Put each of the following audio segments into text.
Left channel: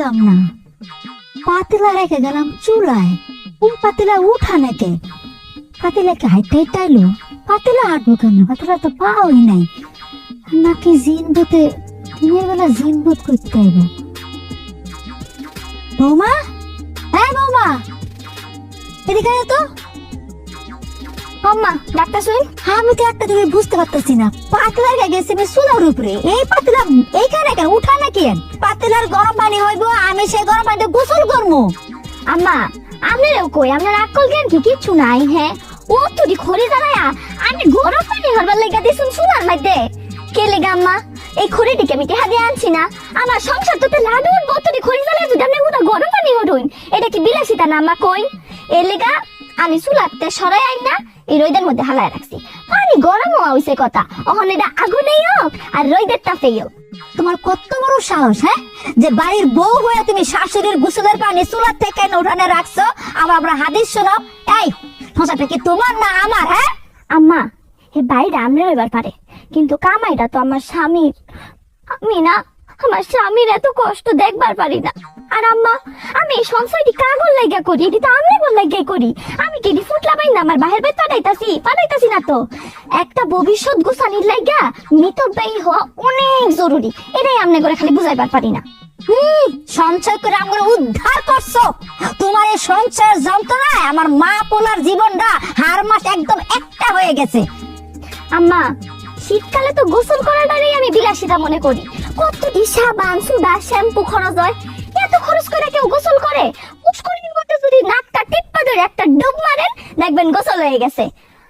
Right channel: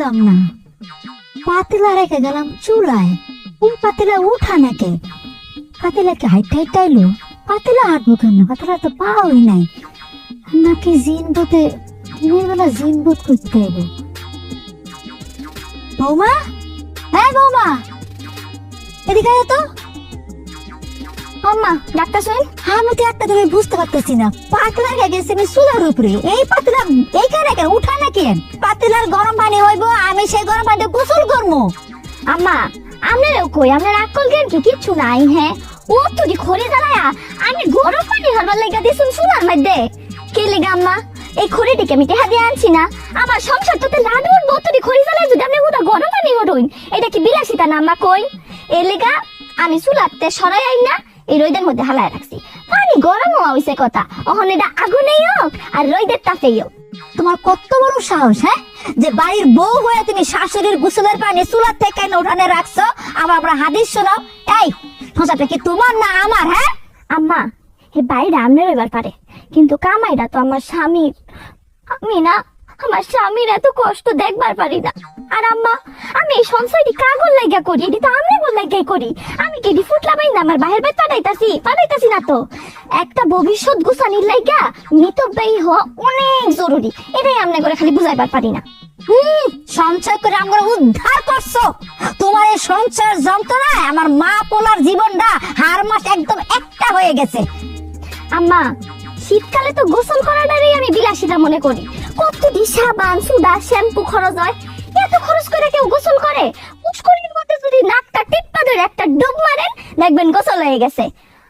বুঝলাম না, পাতিলা রেখে গেলাম চুলায়, ওই পাতিলা উঠা নাকি? পাতিলাকে হাইট আইলো, পাতিলা হাঁটবো কেন? পাতিলা তো পাওই নাই, নাকি জিন ভূতে দিনের বেলা জিন ভূত করতে আইব। বৌমা, হ্যাঁ বৌমা, এদিকে আয় তো। আম্মা ডাক্তার শুন। আমি তো একটা থেকে বুঝতে পারতেছি না, পাতলা গেছে চুলার উপরে, এই পাতলা এইখানে কেন উঠা নাকি? পাতলার গরম পানি হইব, আমি সেই গরম পানিতে গোসল করবো। আম্মা আপনারও কই, আপনার আকল জ্ঞান কি কিচ্ছু নাই? হ্যাঁ, ও তুই খড়ি দাঁড়ায়া আমি গরম পানি হারবার লেগা দিয়েছি চুলার মধ্যে। কে লেগা আম্মা? এই খড়িটিকে আমি টেহা দিয়ে আনছি না, আমার সংসার তো লাডু উঠবো, তুই খড়ি জ্বালায় যদি আপনি ওটা গরম পানি হরুন, এটা কি বিলাসিতা না আম্মা? কই এ লেগা আমি চুলাতে সরাই আইন না, এই রোদের মধ্যে হালায় রাখছি। পানি গরম হওয়া হইছে কথা, অহন এটা আগুনেই হোক আর রোদের তাপেই হোক। তোমার কত বড় সাহস, হ্যাঁ, যে বাড়ির বউ হয়ে তুমি শাশুড়ির গোসলের পানি চুলার থেকে উঠানে রাখছো, আবার আমরা হাদিস শোনাও। এই ফসাটা কি তোমার না আমার? হ্যাঁ আম্মা, এই বাইরে আমনে রইবার পারে, কিন্তু কামাইটা তো আমার স্বামীর। আমি না আমার স্বামীর এত কষ্ট দেখবার পারি না। আর আম্মা, আমি এই সংসারটি কাগজ লাইগা করি, এটি তো আমি বল লাইগাই করি। আমি কি এটি ফুটলা বাইন না আমার বাহির বেদ পাঠাইতাছি না তো। একটা ভবিষ্যৎ গোছানির লাইগা মিতব্যয়ী হওয়া অনেক জরুরি, এটাই আমনে করে খালি বুঝাইবার পারি না। সঞ্চয় করে আমরা উদ্ধার করছো। তোমার এই সঞ্চয়ের যন্ত্রণায় আমার মা পোলার জীবনটা হার মাস একদম একটা হয়ে গেছে। আম্মা, শীতকালে তো গোসল করাটারই আমি বিলাসিতা মনে করি। কতটি সাবান সুদা শ্যাম্পু খরচ হয়, এত খরচ করে কেউ গোসল করে? পুষ্করিণীর মধ্যে যদি নাকটা টিপ্পা ধরে একটা ডুব মারেন, দেখবেন গোসল হয়ে গেছে।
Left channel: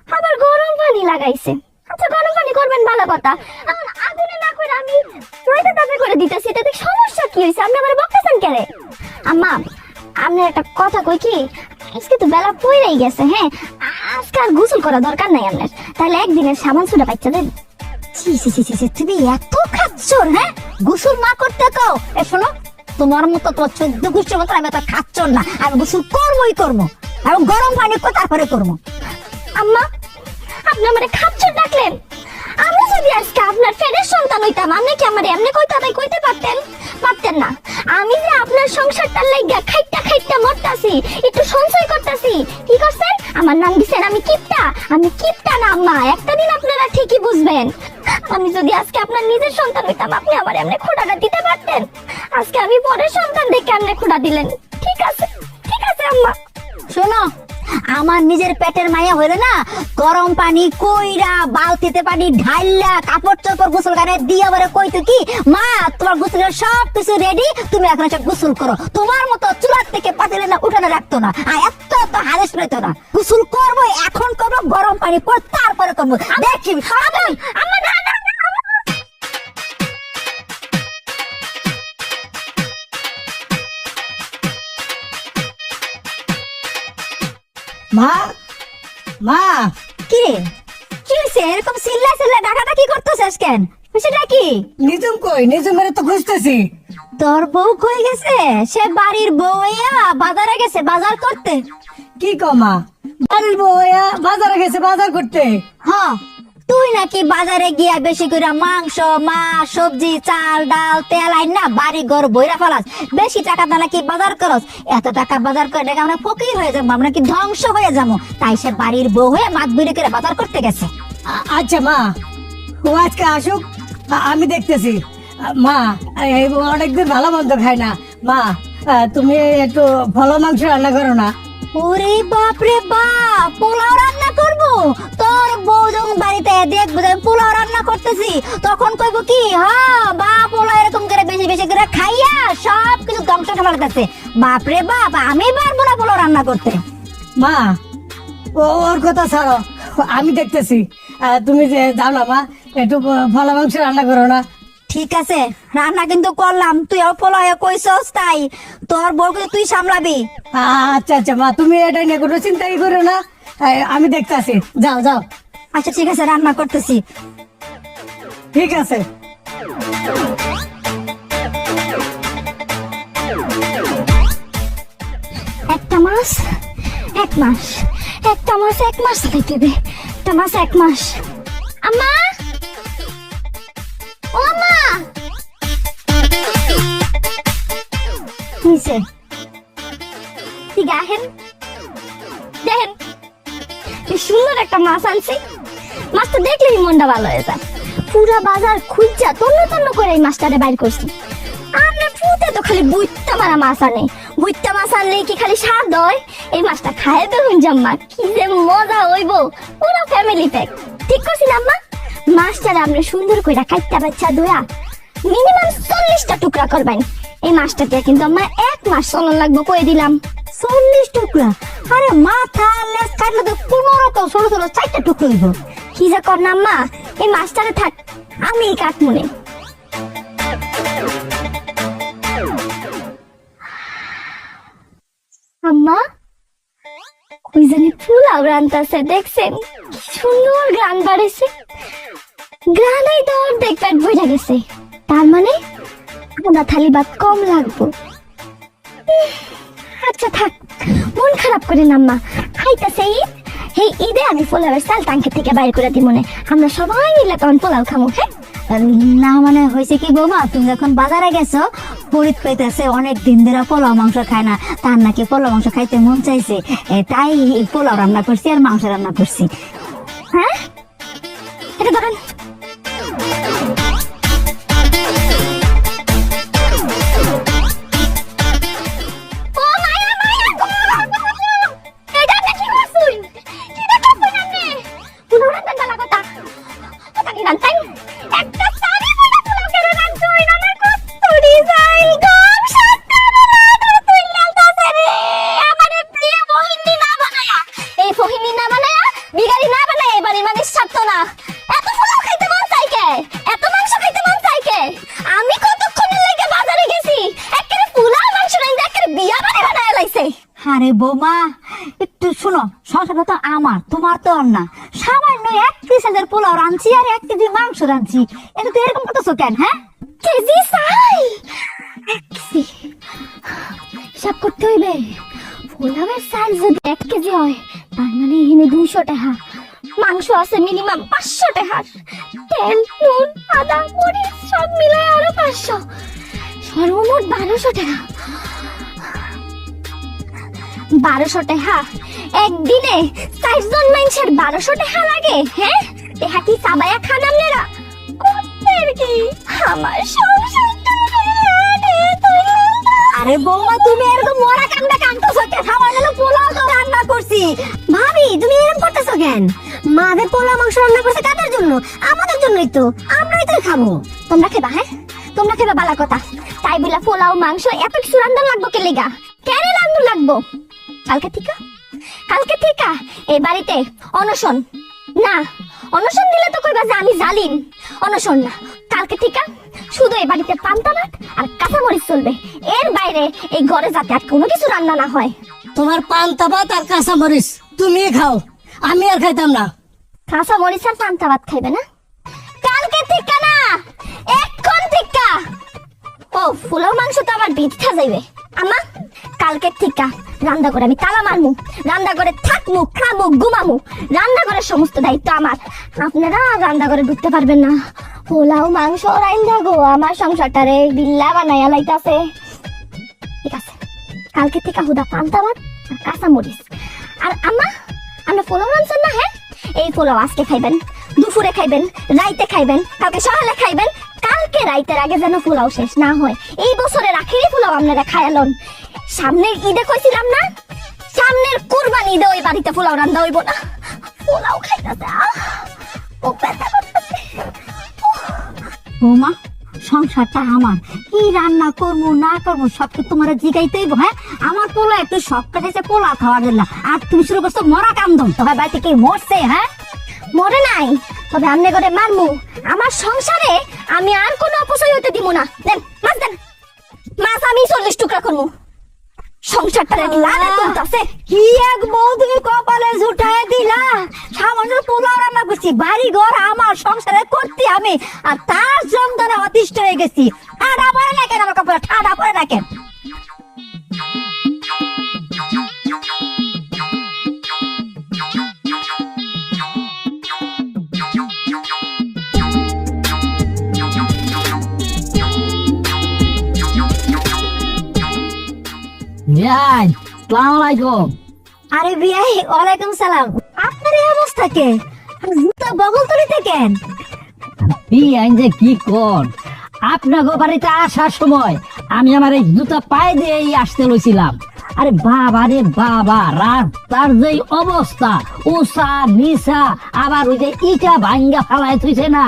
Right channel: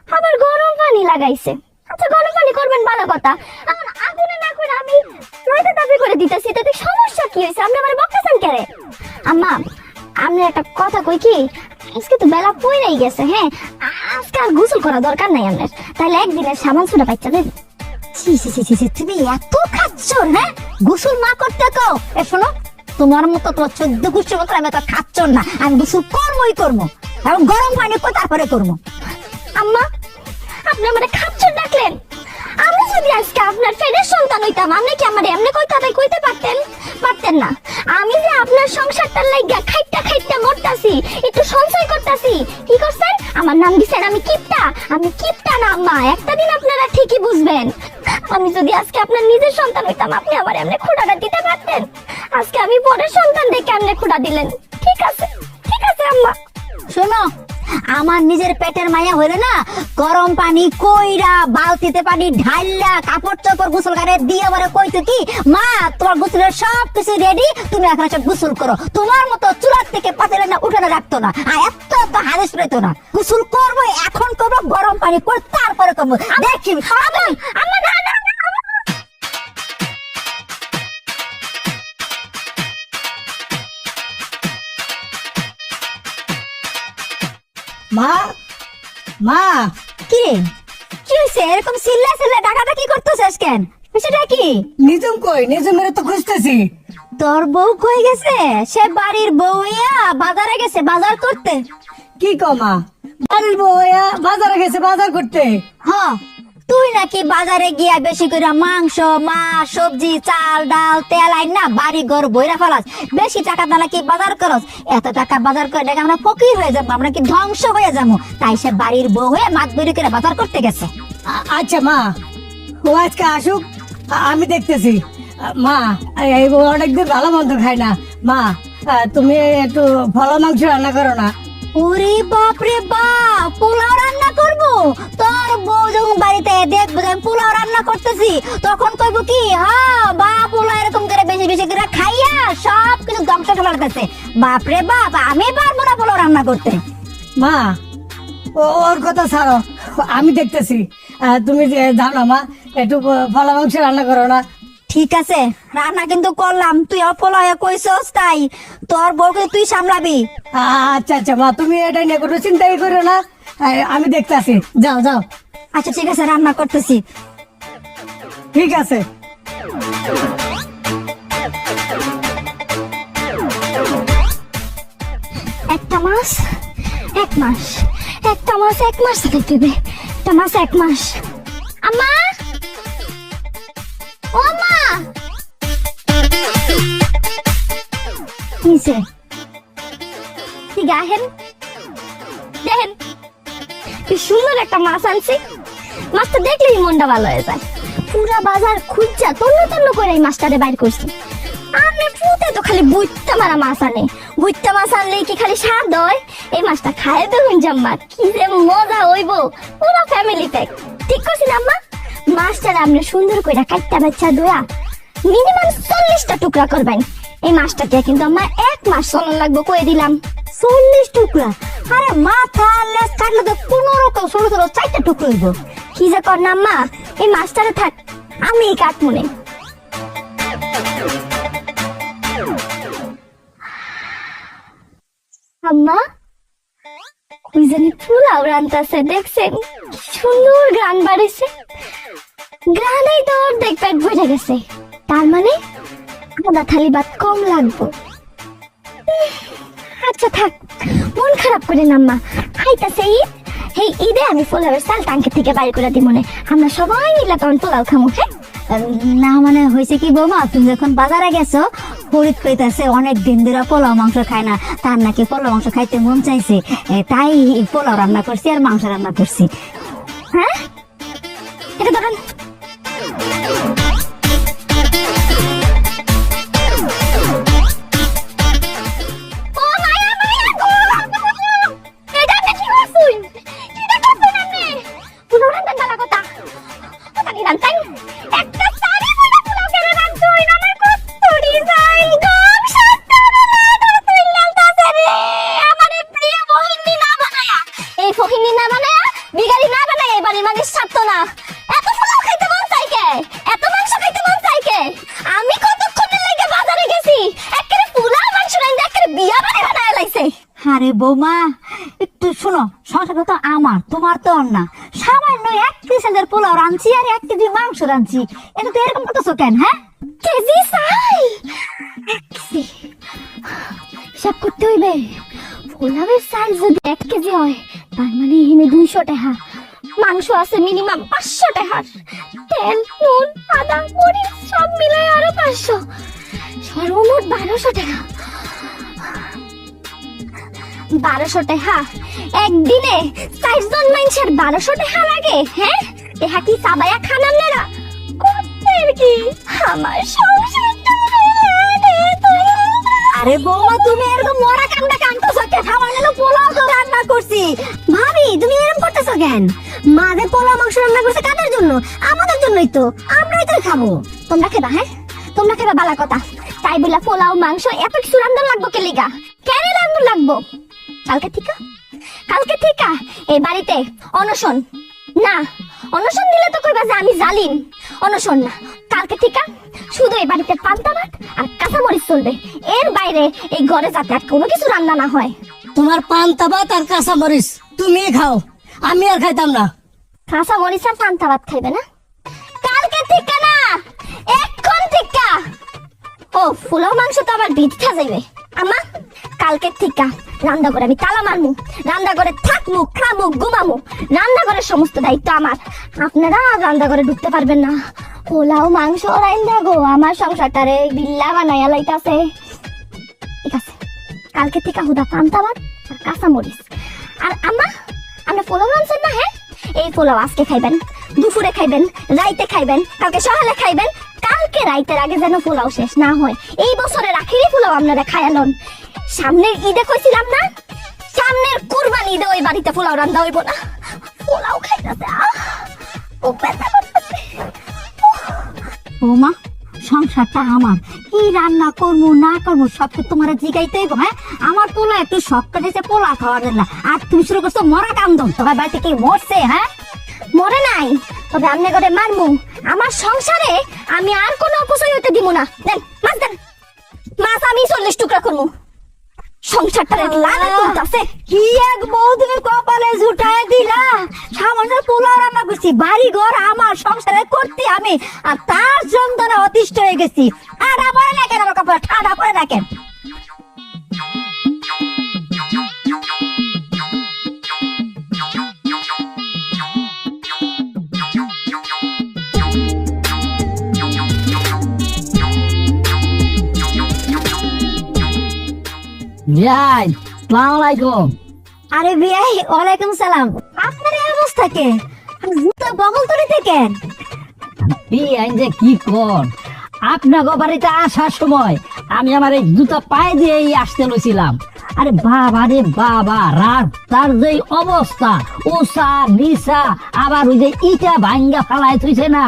আবার গরম পানি লাগাইছে। আচ্ছা গরম পানি করবেন ভালো কথা, এখন আগুনে না করে আমি রোদে তাপে করে দিতেছি, তাতে সমস্যা কি হয়েছে? আপনি আমার বকতেছেন কেন? আম্মা, আপনার একটা কথা কই কি, আজকে তো বেলা পড়েই গেছে। হ্যাঁ, আজকে আর গোসল করা দরকার নাই আপনার, তাহলে একদিনের সাবান সুদা পাইচা দেন। তুমি এত খাচ্ছর, হ্যাঁ, গোসল না করতে কও। এ শোনো, তোমার মতো তো 14 গোষ্ঠীর মতো আমি তো খাচ্ছর না, আমি গোসল করবোই করবো, আর গরম পানি করে তারপরে করবো। আম্মা, আপনি আমারে খাচ্ছর ডাকলেন? আমি যদি আজকে আপনার ফেরের সন্তান হইতাম, আপনি কি আমার এমনি কইতে পারতেন? পারতেন না। আমি যে আপনার সংসারটার লাইগা খাইটা মরতাছি, একটু সঞ্চয় করতাছি, কি করছেন? আমার নাম দিছেন আমি কিপটা। আমি কিপটা না আম্মা, একটা দিন আপনারা ঠিকই বুঝবেন। আমি যদি আজকে আপনার নিজের সন্তান হইতাম, আপনি আমার এমনি খোঁটাটা দিতে পারতেন। আজকে আমি পরের সন্তান দেখে এমনি খোঁটা দিলেন। ঠিক আছে আম্মা। শোনো, আমার নিজের পেটের মায়া হইলে না, গরম পানি কইরা বালতিতে পানি ঢাইলা কাপড় চোপড় গোসল করে দিয়ে বলে কইতো কি, মা তোমার গোসলের সব কিছু রেডি, তুমি এখন সব গোসল করো। তোমার মতো চুলার থেকে পাতিলে না উঠানে রাখতো না, আর এত হারেস পেতো না। গোসল করবো, এখন করবো, গরম পানি করে তারপরে করবো। দেখি আমার না না মা, মা, কি কি হয়েছে? এরকম চিল্লা ডাকাটা কি করতেছিস কেন? সেটা কি? নিজম কই? নিজমের তো খুঁজতেছি। তোর বউ কই গেছে? সে বাড়ির বউ হইয়া বাজারে গেছে বাজার করতে। কি কো মা? বাড়ির বউ বাজারে গেছে বাজার করতে? হ্যাঁ, তুই নাকি বাজারে গিয়া বেশি করে মাংস, মাছ, সবজি, চাল, ডাল, তেল আইন না বাড়ি ঘর বইরা ফেলাস। বেশি টাকা দিয়ে নাকি বাজার করস। এত টাকা বাজার করে নাকি আমরা ফকির হয়ে যাবো, আমরা কি ধ্বংস হয়ে যাবো। তাই সে বাড়ির বউ হয়ে মাছ বইরে করে বাজার করতে গেছে। আচ্ছা মা, ও আজকে আসুক, আমি দেখতেছি। মা, অনেকদিন ভালো মন্দ খাই না। মা, তুমি একটু ভালো মাংস রান্না করো না? ওরে বাপ রে বাপ, পোলাও রান্না করবো? তোর বউ যখন বাড়িতে দেখবো যে আমি পোলাও রান্না করতেছি, তখন কইবো কি, হ্যাঁ বা পোলাও এরকম করে বেশি বেশি করে খাইয়া সব কিছু ধ্বংস করে ফেলতেছে। বাপ রে বাপ, আমি পারবো না পোলাও রান্না করতে। মা, ওর কথা ছাড়ো, আমি দেখতেছি। তুমি যাও না মা, একটু ভালো মাংস রান্না করো না? ঠিক আছে, রান্না কিন্তু করলাম, তুই পোলাও কইছস, তাই তোর বউকে তুই সামলাবি। আচ্ছা আচ্ছা মা, তুমি এটা নিয়ে কোনো চিন্তাই করো না, আমি দেখতেছি। যাও যাও। আচ্ছা ঠিক আছে, রান্না করতেছি। ঠিক আছে। একটা মাস এক মাস, একটা মাস এক মাস দেবে, একটা মাস এক মাস। আম্মা, ও মা, কিছে ঠিক আহেন দেখেন কি সুন্দর একটা মাছ আনছি। মাছটা দেখলেই মনটা ভালো হয়ে যায়। পুরা বাজার খুঁজা তন্ন তন্ন করে এই মাছটারে বাইর করছি। আমি ফুটে তো খালি বুইত্তা মারা মাছ আনে। বুইত্তা মাছ আনলে কি খালি স্বাদ হয়? এই মাছটা খায় দেখুন জাম্মা কি যে মজা হইব। পুরো ফ্যামিলি প্যাক। ঠিক করছি না আম্মা? মাছটারে আপনি সুন্দর করে কাটটা বাচ্চা ধোয়া মিনিমাম 40টা টুকরা করবেন। এই মাছটাকে কিন্তু আমার 1 মাস চলন লাগবে কই দিলাম। 40 টুকরা? আরে মাথা লেজ কাটলে তো 15 ছোট ছোট 4টা টুকরো হইব। কি যে কর না আম্মা, এই মাছটারে থাক আমি কাটমনে। আম্মা ওই জানি পোলাও রান্তাছে দেখছেন? সুন্দর গান বাড়েছে। গানেই তো অর্ধেক পেট ভরে গেছে। তার মানে আধা থালি ভাত কম লাগবো। আচ্ছা থাক, মন খারাপ করে না আম্মা। খাইতাছে ঈদ, এই ঈদে আমি পোলাওয়ের চাল টাঙ্কি থেকে বাইর করে দিব মনে। আমরা সবাই মিলে তখন পোলাও খামো। হ্যাঁ না মানে হয়েছে কি বাবা, তুমি যখন বাজারে গেছো ফরিদ কইতাছে অনেক দিন ধরে পোলাও মাংস খায় না, তার নাকি পোলাও মাংস খাইতে মন চাইছে, তাই পোলাও রান্না করছি আর মাংস রান্না করছি। হ্যাঁ এটা ধরেন। ও মায়া মায়া গো, এটা আপনি কি করছুন? কি করছুন আপনি? পুনরায় রান্না করা কথা আপনি রান্তাই একটা সারি বলে পুলাও করে রান্তুই আমার কষ্টরি যাই গো। সত্যি না তুই লালতাছে রে আমারে প্রিয় মোহিনী না বানায়া। এই ফহিনী না বানায়া বিগাড়ি না বানায় এবারে মানে সাত্ত না। এত পোলাও খাইতে মন চাই কে? এত মাংস খাইতে মন চাই কে? আমি কতক্ষণের লাগে বাজারে গেছি, একেবারে পোলাও মাংস রাইন্দা একেবারে বিয়া বাড়ি বানায় লাইছে। আরে বৌমা একটু শোনো, সংসারটা তো আমার, তোমার তো আর না। সামান্য 1 কেজি পোলাও রাঁধছি আর 1 কেজি মাংস রাঁধছি, এটা তো এরকম করতেছো কেন? হ্যাঁ কেজি চাই হিসাব করতে হইবে। পোলাওয়ের চাল যদি 1 কেজি হয় তার মানে এখানে 200 টাকা। মাংস আছে মিনিমাম 500 টাকা। তেল নুন আদা মরিচ সব মিলে আরো 500, সর্বমোট 1200 টাকা। 1200 টাকা একদিনে 4 জন মানুষের 1200 টাকা লাগে? হ্যাঁ এটা কি চাবায়া খান আপনারা? করতেন কি আমার সংসারটা? আরে বৌমা তুমি এরকম মরা কামটা কামতেছো কেন? সামান্য তো পোলাও তো রান্না করছি। ভাবি তুমি এরকম করতেছো কেন? মাদের পোলাও মাংস রান্না করছে কাদের জন্য? আমাদের জন্যই তো, আমরাই তো খাবো। তোমরা খেবা? হ্যাঁ তোমরা খেবা বালা কথা। তাই বলে পোলাও মাংস এত কিছু রান্না লাগবো কে লিগা? কেন রান্না লাগবো? কালকে থেকে এই বাড়িতে অনশন না। অনশন দিলে তো কইবা যে আমি জালিম। অনশন না, কালকে থেকে শুধু এই বাড়িতে পান্তা ভাত আর কাঁচা মরিচ চলবে। এর বাইরে এই ঘরে যাতে আর কোনো কিছু রান্না না হয়। তোমার পান্তা ভাত আর কাঁচা মরিচ তুমি খাও, আমি আর খাইতাম না। কাঁচা মরিচ আর পান্তা ভাত খাইবে না? কালকে থেকে না, এখন থেকে। ও পোলাও মাংস তো আমার বিচ্ছা যাইবে। আমা কালকে থেকে রান্না করে আমি তালা মারমু, রান্না করে থাকমু, খামু, ঘুমামু। রান্না করে সমস্ত দায়িত্ব আমার। আপনারা রান্না করে ঢুকতে পারবেন না। পোলাও মাংস রান্না গো আমার সংসারটারে বিল্লা বানাইয়া লাইতাছে। ঠিক আছে, কালকে থেকে হুদা পান্তা ভাত আর কাঁচা মরিচ। আর আমা আমরা পোলাও মাংস না, হ্যাঁ এই পোলাও আজকে খাইবেন, দুপুরে খাইবেন, রাইতে খাইবেন, কালকে সকালে খাইবেন। কালকে রাইতের আগে যেন পোলাও শেষ না হয়। এই বছরের আখেরি পোলাও আপনারা খায়ালন। সামনের ঈদে কইছিলাম না, সামনের কুরবানি ঈদে ওই বাড়িতে পোলাও রান্না হইব না। পোলাও খাইতাছে ও পেটা করতেছে। বৌমা সংসারটা আমার, কি রান্না করবো না করবো সব তো তোমার জিগাইতে হইব। হ্যাঁ আমার পোলা একটু শখ কাটাইছে পোলা খাওয়ার জন্য, আর তুমি শুরু করছো মরা কান্দন। তোমার বাড়িতে কি মরছে? হ্যাঁ মরে নাই, তবে আমনে করে মারমু। আমার সংসারে আমি আর কোনো অপচয় হইতে দিব না। দেন মাছ দেন, মাছ আমি 40 টুকরা করবো। সংসারটা লালে তুলতাছে। কি এক বউ তুমি কপালে জুটাই দিলা। সামান্য পোলাও রান্না করছি, বাড়ি ঘর আমার, সংসারে করতে আমি, আর তার যন্ত্রণা অতিষ্ঠ হয়ে গেছি। ঠাডা পড়ে না কেন? আমার কপালে ঠাডা পড়ে না কেন? বিয়াই সালাম আলাইকুম। আরে বিয়াই, ওয়ালাইকুম সালাম। আপনার এই অবস্থা কে? জুতা বগল তলে থেকে? বিয়াই যে কি কোন, আপনার বাড়িতে আসার সময় আমি আমার এই জুতা পায়ে দিয়ে আসতে লইছিলাম। আরে বাবা রে বাবা, রাস্তার যে অবস্থা, উষা নিশা, আবার ওই যে ইটা ভাঙ্গা ফালাই থইছে না,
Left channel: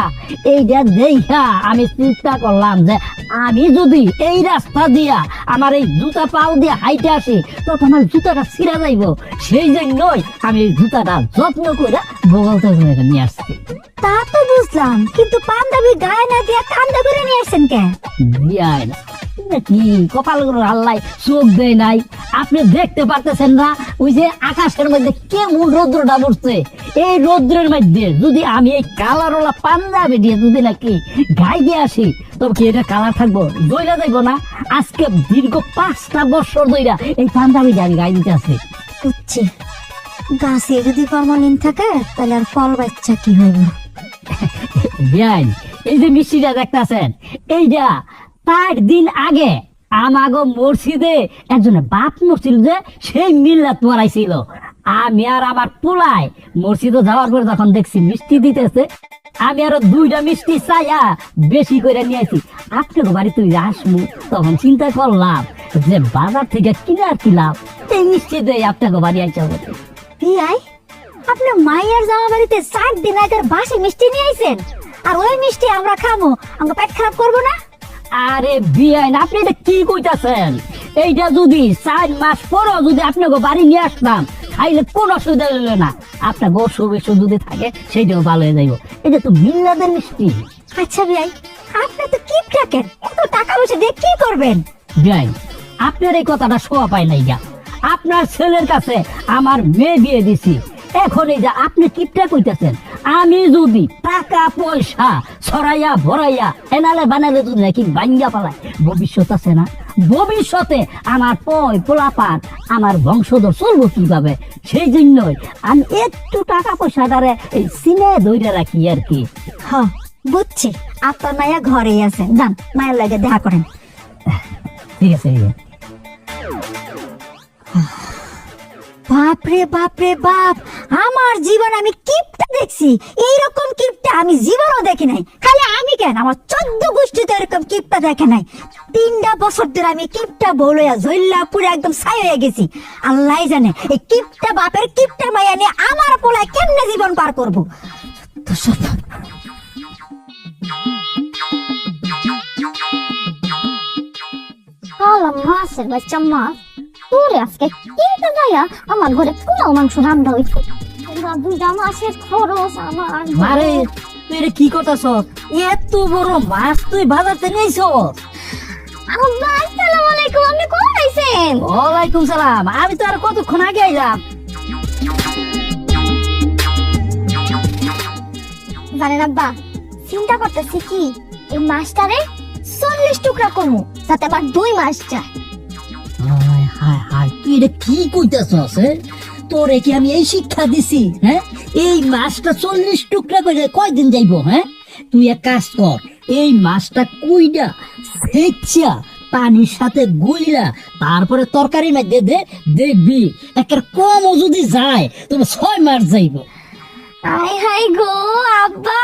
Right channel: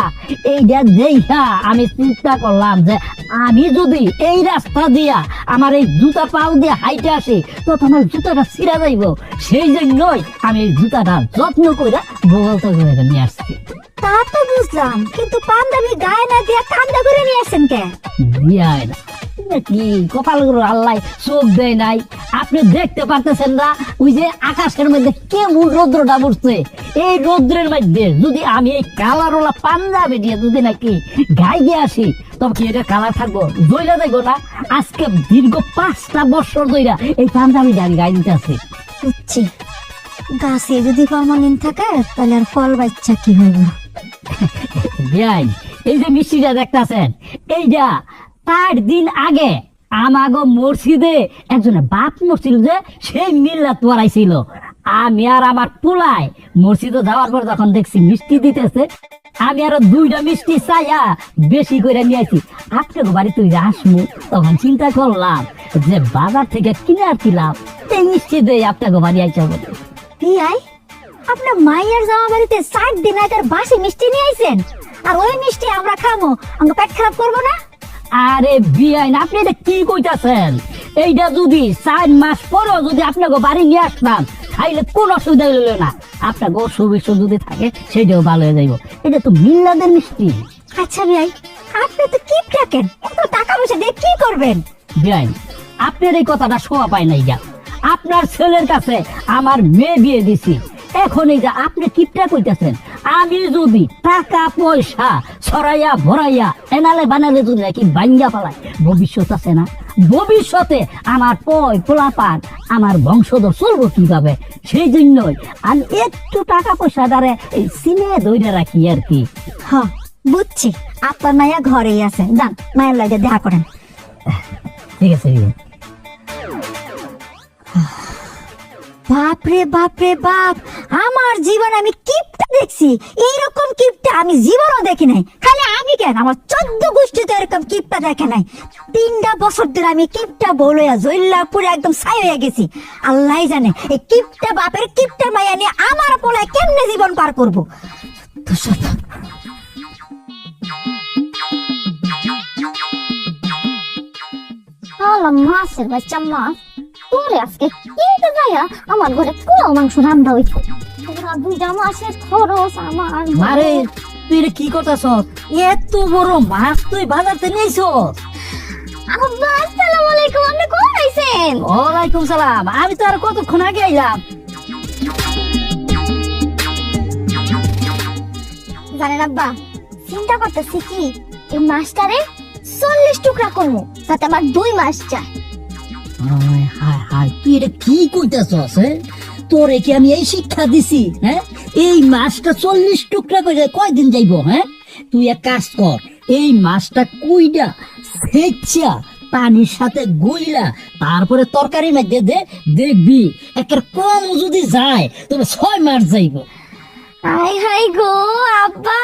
এইটা দেখা আমি চিন্তা করলাম যে আমি যদি এই রাস্তা দিয়া আমার এই জুতা পাও দিয়ে হাইটে আসি তো আমার জুতাটা ছিঁড়া যাইব। সেই জন্যই আমি এই জুতাটা যত্ন করে বগল থেকে নিয়ে আসছি। তা তো বুঝলাম, কিন্তু পাঞ্জাবি গায়ে না দিয়ে কান্দা করে নিয়ে আসেন কে? বিয়াই না কি কপাল আল্লাহ সুখ দেয় নাই, আপনি দেখতে পারতেছেন না ওই যে আকাশের মধ্যে কেমন রৌদ্রটা পড়ছে। এই রৌদ্রের মধ্যে যদি আমি এই কালারওয়ালা পাঞ্জাবি দিয়ে যদি নাকি গাইয়ে আসি তবে কি এটা কালার থাকবো? জইলা যাইব না। আজকে দীর্ঘ 5টা বছর ধইরা এই পাঞ্জাবি আমি গাই দিতে আছি। বুঝছি, গাছে যদি ফলমূল থাকে তাহলে আর ফল বাচ্চা কি হবে? বিয়াই, এই যে মিষ্টিটা দেখতেছেন, এইটা 4 দিন আগে আমাগো মসজিদে একজনের বাপ মসজিদ যে সেই মিল্লাত পড়াইছিল। আমি আর আমার পোলায় মসজিদে যাওয়ার পর যখন দেখছি মিষ্টি দিতেছে, আমি আরো 2টা মিষ্টি চাইয়া বেশি করে নিয়েছি। আপনার বাড়িতে আসবো তখন চিন্তা করলাম যে বাজার থেকে কিনে আসছিলাম এই মিষ্টি দিয়ে আপনাকে বাড়ি আইসা বলে। বিয়াই, আপনার মায়ের জামা বাড়িতে 60 দিন আগের বাসি মিষ্টি নিয়ে আইছেন, আর ওই মিষ্টি আমরা খামো, আমরা পেট খারাপ করবো না? আরে বিয়াইন, আপনি এটা কি কইতাছেন? এইটা যদি 4 মাস পরেও যদি আপনাকে বাড়ি নিয়ে আসতাম খাইলে কোন অসুবিধা হইল না। আপনাকে অসুখ যদি থাকে সেটাও ভালো হয়ে যাইব। এটা তো মিল্লাদের মিষ্টি। আচ্ছা বিয়াই, আপনি তো কি রাখেন, এত টাকা পয়সা দিয়ে কি করবেন? বিয়াইন, আপনার এই কথাটা শোয়া পায় নাই গা। আপনার ছেলের কাছে আমার মেয়ে বিয়ে দিছি, এখন এই যে আপনি কিপটা কইতেছেন। আমি যদি টাকা পয়সা ছড়াইয়া ভরাইয়া এনালে বানালে যদি নাকি ভাঙ্গা পালাই, ভবিষ্যৎ আছে না? ভবিষ্যতে আমার পোলাপান আমার বংশধর চলবো কিভাবে? সেই জন্যই আমি একটু টাকা পয়সা দ্বারা এই সিনে ধরে রাখি আর কি। হ্যাঁ বুঝছি, আপনার মায়া ঘরেই আছে, যান মায়ের লাগে দেখা করেন। ঠিক আছে। বাপরে বাপরে বাপ, আমার জীবন আমি কিপটা দেখছি, এইরকম কিপটা আমি জীবনও দেখি নাই। খালি আমি কেন, আমার 14 গোষ্ঠীতে এরকম কিপটা দেখে নাই। 3টা বছর ধরে আমি কিপটা বলয়া জইল্লা পুরো একদম ছাই হয়ে গেছি। আল্লাহ জানে এই কিপটা বাপের কিপটা মায়া নিয়ে আমার পোলায় কেমনে জীবন পার করবো। মাছের বাচ্চা মা, তোরে আজকে কিনতে যাইয়া আমার ঘরে পোলাও মাংস রান্না হইছে। পুরা 2টা মাসের খরচ আমার। মারে, তুই এটা কি করতেছ? এত বড় মাছ তুই বাজারতে নিয়েছ? আব্বা আসসালামু আলাইকুম, আপনি কোন আইছেন? ওয়ালাইকুম সালাম। আমি তো আর কতক্ষণ আগে আইলাম। জানেন আব্বা, চিন্তা করতেছি কি এই মাছটারে 40 টুকরা কমু, তাতে আমার 2 মাস যায়। হায় হায় হায়, তুই এটা কি কইতেছস? হ্যাঁ, তোরে কি আমি এই শিক্ষা দিছি? হ্যাঁ, এই মাছটা 40 টুকরা করে কয়দিন যাইব? হ্যাঁ, তুই এক কাজ কর, এই মাছটা কুইডা সেচ্ছা পানির সাথে গইলা তারপরে তরকারি মধ্যে দে, দেখবি একটা কমও যদি যায় তবে 6 মাস যাইব। হাই হাই গো আব্বা,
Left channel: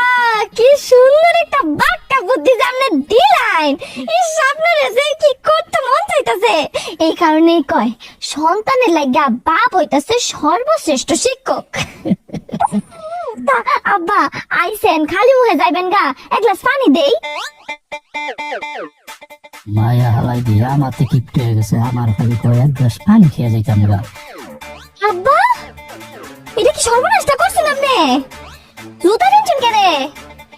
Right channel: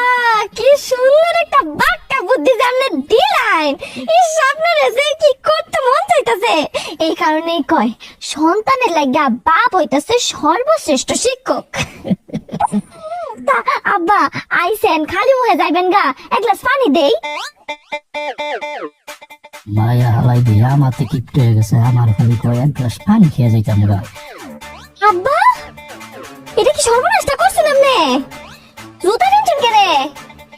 কি সুন্দর একটা বাক্কা বুদ্ধি সামনে দিলেন। এই আপনার যে কি করতে মন চাইতেছে, এই কারণেই কয় সন্তানের লাগা বাপ হইতাছে সর্বশ্রেষ্ঠ শিক্ষক। তা আব্বা আইছেন, খালি মুখে যাইবেন গা, এক গ্লাস পানি দেই। মায়া হালাই দে, আমার তো কিপ্ট হয়ে গেছে, আমার খালি তো এক গ্লাস পানি খেয়ে যাইতাম গা। আব্বা, এটা কি সর্বনাশটা করছেন আপনি? জুতা কিনছেন কেনে?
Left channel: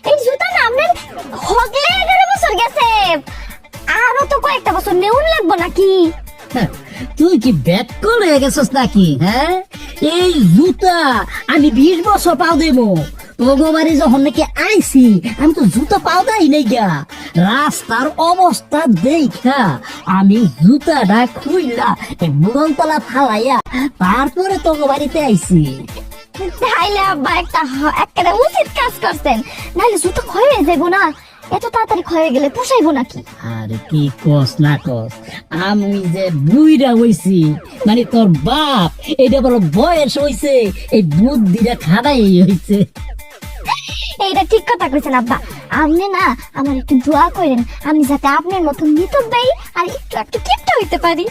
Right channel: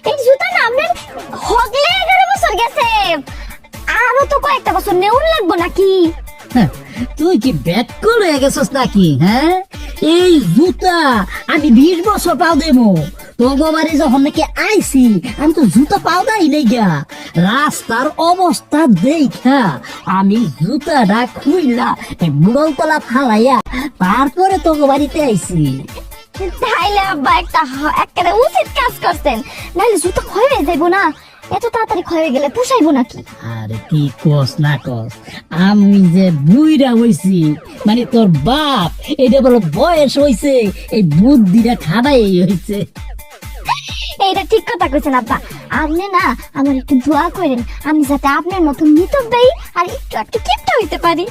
এই জুতা না আপনার হগলে 11 বছর গেছে, আরো তো কয়েকটা বছর নেউন লাগবো নাকি? তুই কি ব্যাক করে গেছিস নাকি? হ্যাঁ, এই জুতা আমি 20 বছর পাও দেবো। তোগো বাড়ি যখন নাকি আইছি আমি তো জুতা পাও দেই নাই গা। রাস্তার অবস্থা দেখা আমি জুতাটা খুইলা এই বুড়লতলা ফালাইয়া তারপরে তোগো বাড়িতে আইছি। তাইলে আব্বা একটা উচিত কাজ করছেন, নাহলে জুতো ক্ষয় হয়ে যাইবো না। এত তাড়াতাড়ি ক্ষয় হয়ে গেলে পোষাইবো নাকি? আরে কি কস না কস, আমি যে বুইরা হইছি, মানে তোর বাপ এটা বড় বয়স হইছে, এই বুদ্ধিটা খাটাই হইছে। এইটা ঠিক কথা কইছেন আব্বা। আপনি না আমার একটু দোয়া করেন, আমি যাতে আপনার মতো মিতব্যয়ী আর একটু একটু কিপটা হইতে পারি।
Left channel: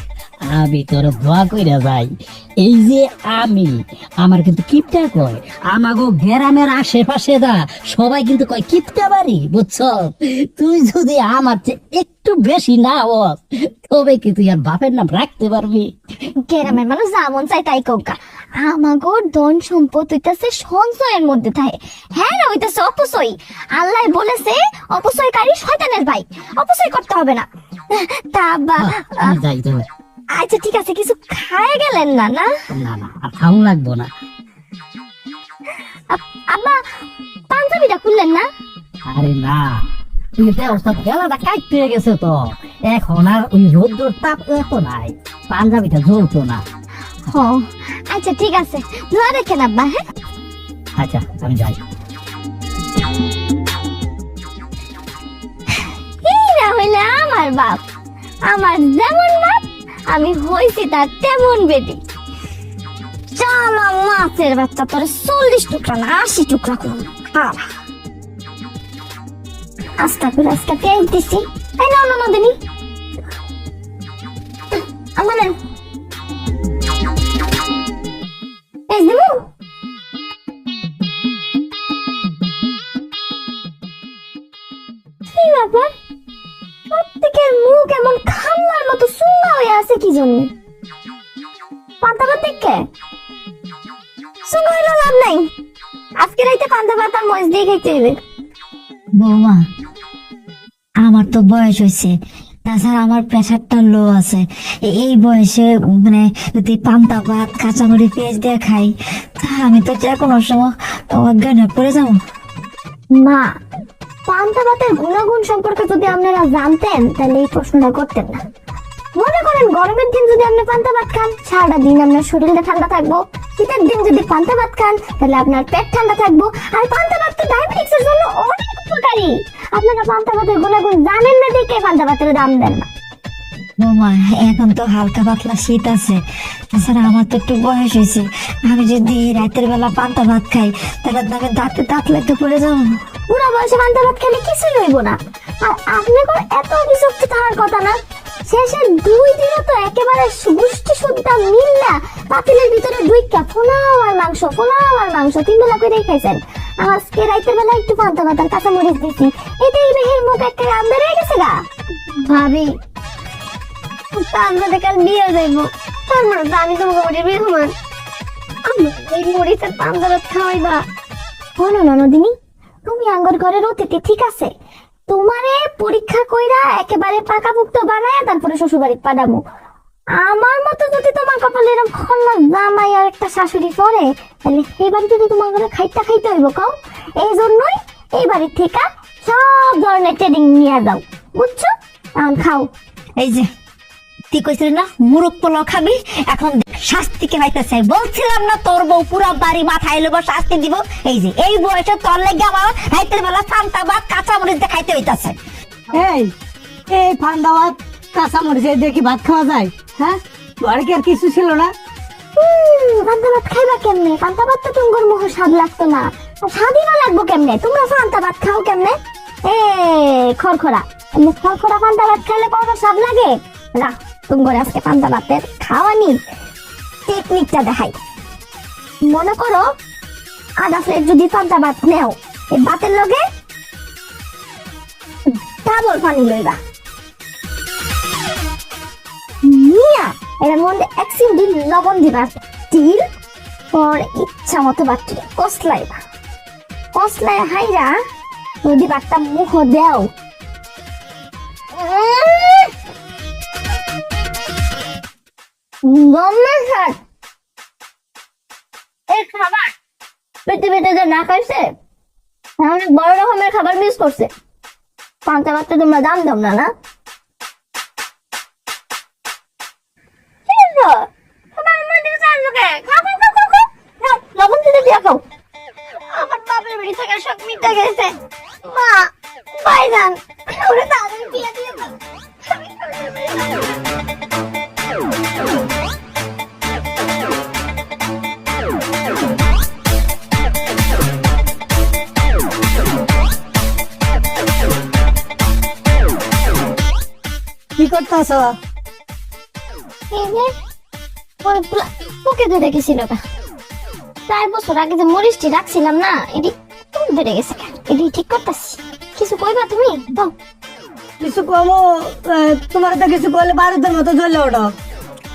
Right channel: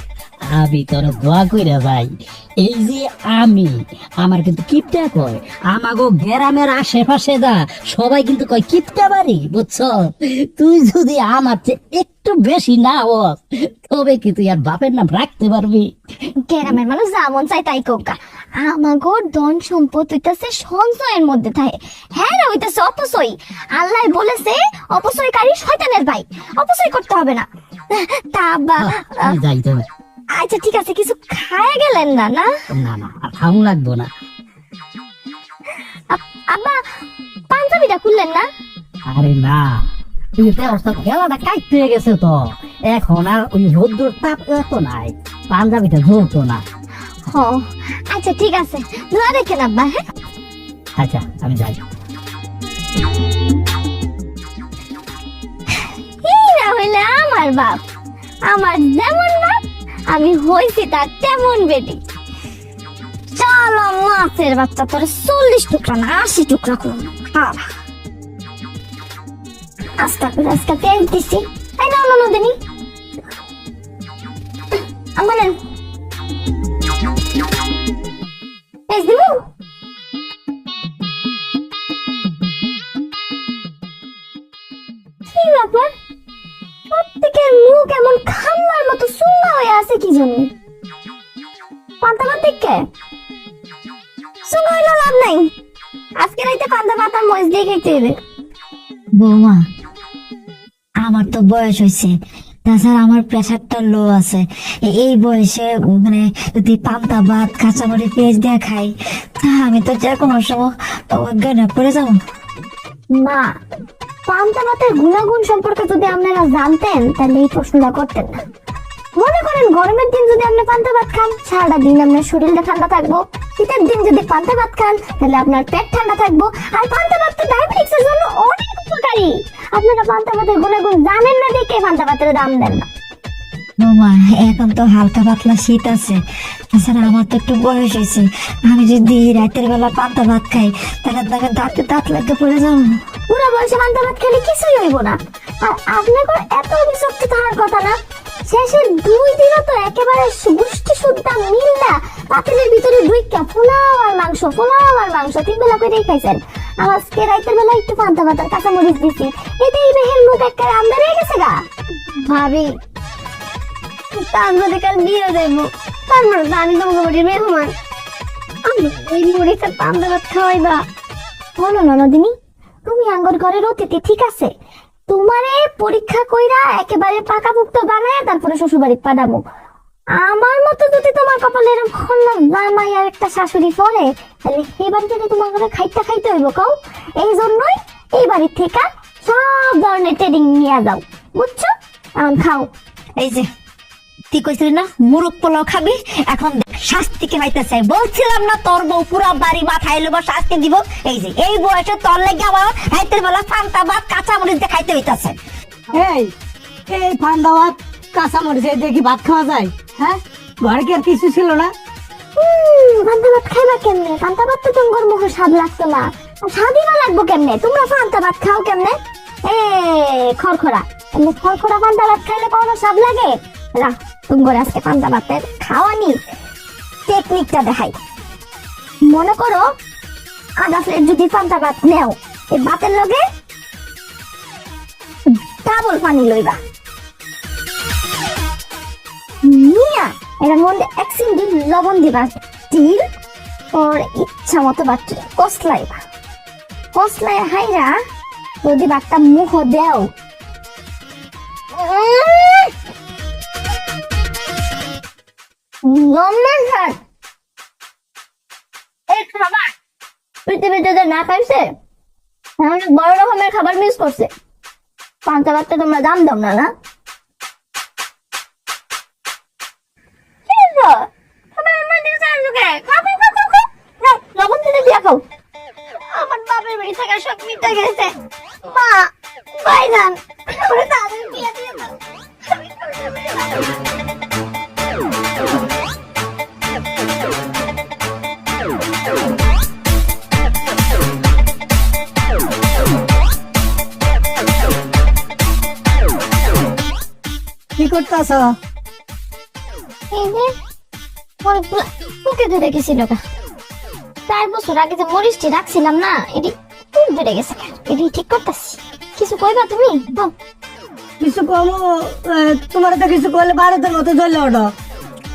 আমি তোর দোয়া কইরা যাই। এই যে আমি, আমার কিন্তু কিপটা কয়, আমাগো গ্রামের আশেপাশে দা সবাই কিন্তু কয় কিপটা বাড়ি, বুঝছ? তুই যদি আমার চেয়ে একটু বেশি না হস, তবে কি তুই আর বাপের নাম রাখতে পারবি? গ্রামের মানুষ যেমন চাই তাই কোকা, আমাগোর ধন সম্পদ হইতাছে সঞ্চয়ের মধ্যে থাকে, হ্যাঁ না হইতাছে অপচয়। আল্লাহ বলেছে অপচয়কারী শয়তানের ভাই, অপচয় করতে হবে না। তা আব্বা, আমি যাই তো। আচ্ছা ঠিক আছে, কিছু খায় গেলেন না? না না না, আর খাও লাগবো না। আব্বা, পাঞ্জাবিটা খুললেন না? আরে না, তুমি ব্যবস্থা বেলাটা কাট পেয়ে গেছে তো, এখন আর ওই রোদ্দুর তাপ এত নাই, পাঞ্জাবিটা জ্বলতো না। ও আচ্ছা ঠিক আছে, দোয়া রেখেন আব্বা। হ্যাঁ আচ্ছা আমি যাই। এইরা হইলে আমার বাপ, আমার যেমন বাপ আমি হইছি তার তেমন বেটি। চল মাছের বাচ্চা, তোর 40 টুকরা না 80 টুকরা করুন। আস্তা করে আজকে তেল দিছি, তাই না ননদিনী? আমার এই দিব কি ব্যাপার, প্রত্যেকের মুখ এমন খাম্বার মতো সুন্দর হয়ে আছে কি জন্য? পান্তা ভাত দেখে সুন্দর হইলো লাভ নাই, আজকে রাইতে পান্তা ভাত আর মরিচ দিয়ে খেতে হবে। বৌমা, আমার তো বয়স হয়েছে, তাছাড়া আমার প্রেশারটা লো আছে। এই বয়সে মানে যদি পান্তা ভাত কাঁচামরি পেঁয়াজ দিয়ে খাই, তা আমি তো যে কোনো সময় অজ্ঞানে পড়ে যাবো। মা, পান্তা ভাতের গুণাগুণ সম্পর্কে যদি আপনারা জানতেন তাহলে এই প্রশ্নটা করতেন না। মনে করেন গরমের দিন যদি আপনি পান্তা ভাত খান, সারাটা দিন আপনার শরীরটা ঠান্ডা থাকবো। শীতের দিন যদি পান্তা ভাত খান তাহলে আপনার পেট ঠান্ডা থাকবো। আর পান্তা ভাত তো ডায়াবেটিক্সের জন্য অনেক উপকারী। আপনারা পান্তা ভাতের গুণাগুণ জানেন না দেখে পান্তা ভাতের দাম দেন না। বৌমা, এখন তো হালকা পাতলা শীত আছে, তাছাড়া আমার তো একটু বয়স হয়েছে, আমি যদি রাতের বেলা পান্তা ভাত খাই তাহলে তাকে দাঁতে দাঁত লেগে পড়ে যাবো। পুরো বয়সে পান্তা ভাত খেলে কিছুই হইব না। আর আপনার এত অভিযোক্ত থাকার কথা না। শেষের 2 দিনও তো একেবারে গুষ্টি সুদ্ধা মিল্লা পাতিলের ভিতরে 2 কাপ পোলাও আর মাংস 3 বেলা করে খাইছেন। আজকে রাতের বেলা একটু পান্তা ভাত আর কাঁচামরিচ দিছি, এতেই বেহের মুখ একটা আমদানি হয়ে গেছে গা। ভাবি, তার মধ্যে কাল বিয়ে যাইবো, তারপর আমি তোমাকে বলি মেহমান, আমি এই মুড়িতে পান্তা ভাত খাওয়াইবা। বলো ননদিনী, তুমি আঙ্গুর ঘরের অতিথি ঠিক আছে, তোমারে পরীক্ষা কইরা একেবারে পাকাপুক্ত বানায় তারপরে শ্বশুর বাড়ি পাঠাবো। আমার মতো যদি তোমার কপালে এরকম জামাই আর একটা শাশুড়ি পড়ে, তাহলে এই বাড়ি যদি তোমার ঘরে খাইতে হইব কাও। এই জন্যই এই বাড়ির থেকে সব ধরনের ট্রেনিং নিয়ে যাও, বুঝছো? এখন খাও। এই যে তুই কইছিলি না মুরগ পোলাও খাবি, এখন শাস্তিকে হইতেছে। বলছিলাম না তোর বউ পুরা বাড়ি মাথায় লইব, শাস্তি দিব। এই যে এই বয়সে তোর লেগে আমার রাতের বেলা পান্তা ভাত কাঁচামরিচ দিয়ে খাইতে হইতাছে। এই এই পান্তা ভাত কাঁচামরিচ দিয়ে কি ভাত খাওয়া যায়? হ্যাঁ, ঘরে কি আর কিছু ছিল না? পান্তা ভাত খাইবা কেমনে? পান্তা ভাত তো তোমার মুখে স্বাদ লাগতো না, স্বাদই না লাগবো কেমনে? তোমরা পান্তা ভাত খাও কেমনে? এ খড়খড়া, খড়খড়া পান্তা ভাত খাইলে কোনো স্বাদ লাগে না? তোমার আজকে পান্তা ভাতের খাওয়ানি টেকনিকটা দেখাই। মনে করো আধা প্লেট যদি পান্তা ভাত নেও, এই ভাতের লগে ডাবল পানি লইবা, নিয়া এটার মধ্যে 1 চিমটি লবণ দিবা, তিল পর ইচ্ছা মতো বাচ্চা কসলাইবা, কসলাই হাইরা যদি বাচ্চা মুখ দেও, এই খাবার পৃথিবীতে যে না খাইছে অনেক বড় রকমের খাবার মিস করছে। পান্তা ভাতটা তোমরা দাম দাও না, না? লবণ দিতে দিয়া খাও। আমার বাপের বাড়ি থেকে সব মিটে গেছে। মা, ভাইজান, ওরে তাদের বিয়ে দিয়ে দাও। কি করতেছ? এই যে মরিচগুলো পোকে ধরে গেছিল গা। 4 বছর আগে যে মরিচটি রাখছিলাম না, এটি পোক ধরে গেছে গা। এটি ঠিক করতেছি। কিছু কইবা তুমি? তো কিছু কমো, তোমার তো কিছু করলে বারোদের মতো জ্বলে ওঠো।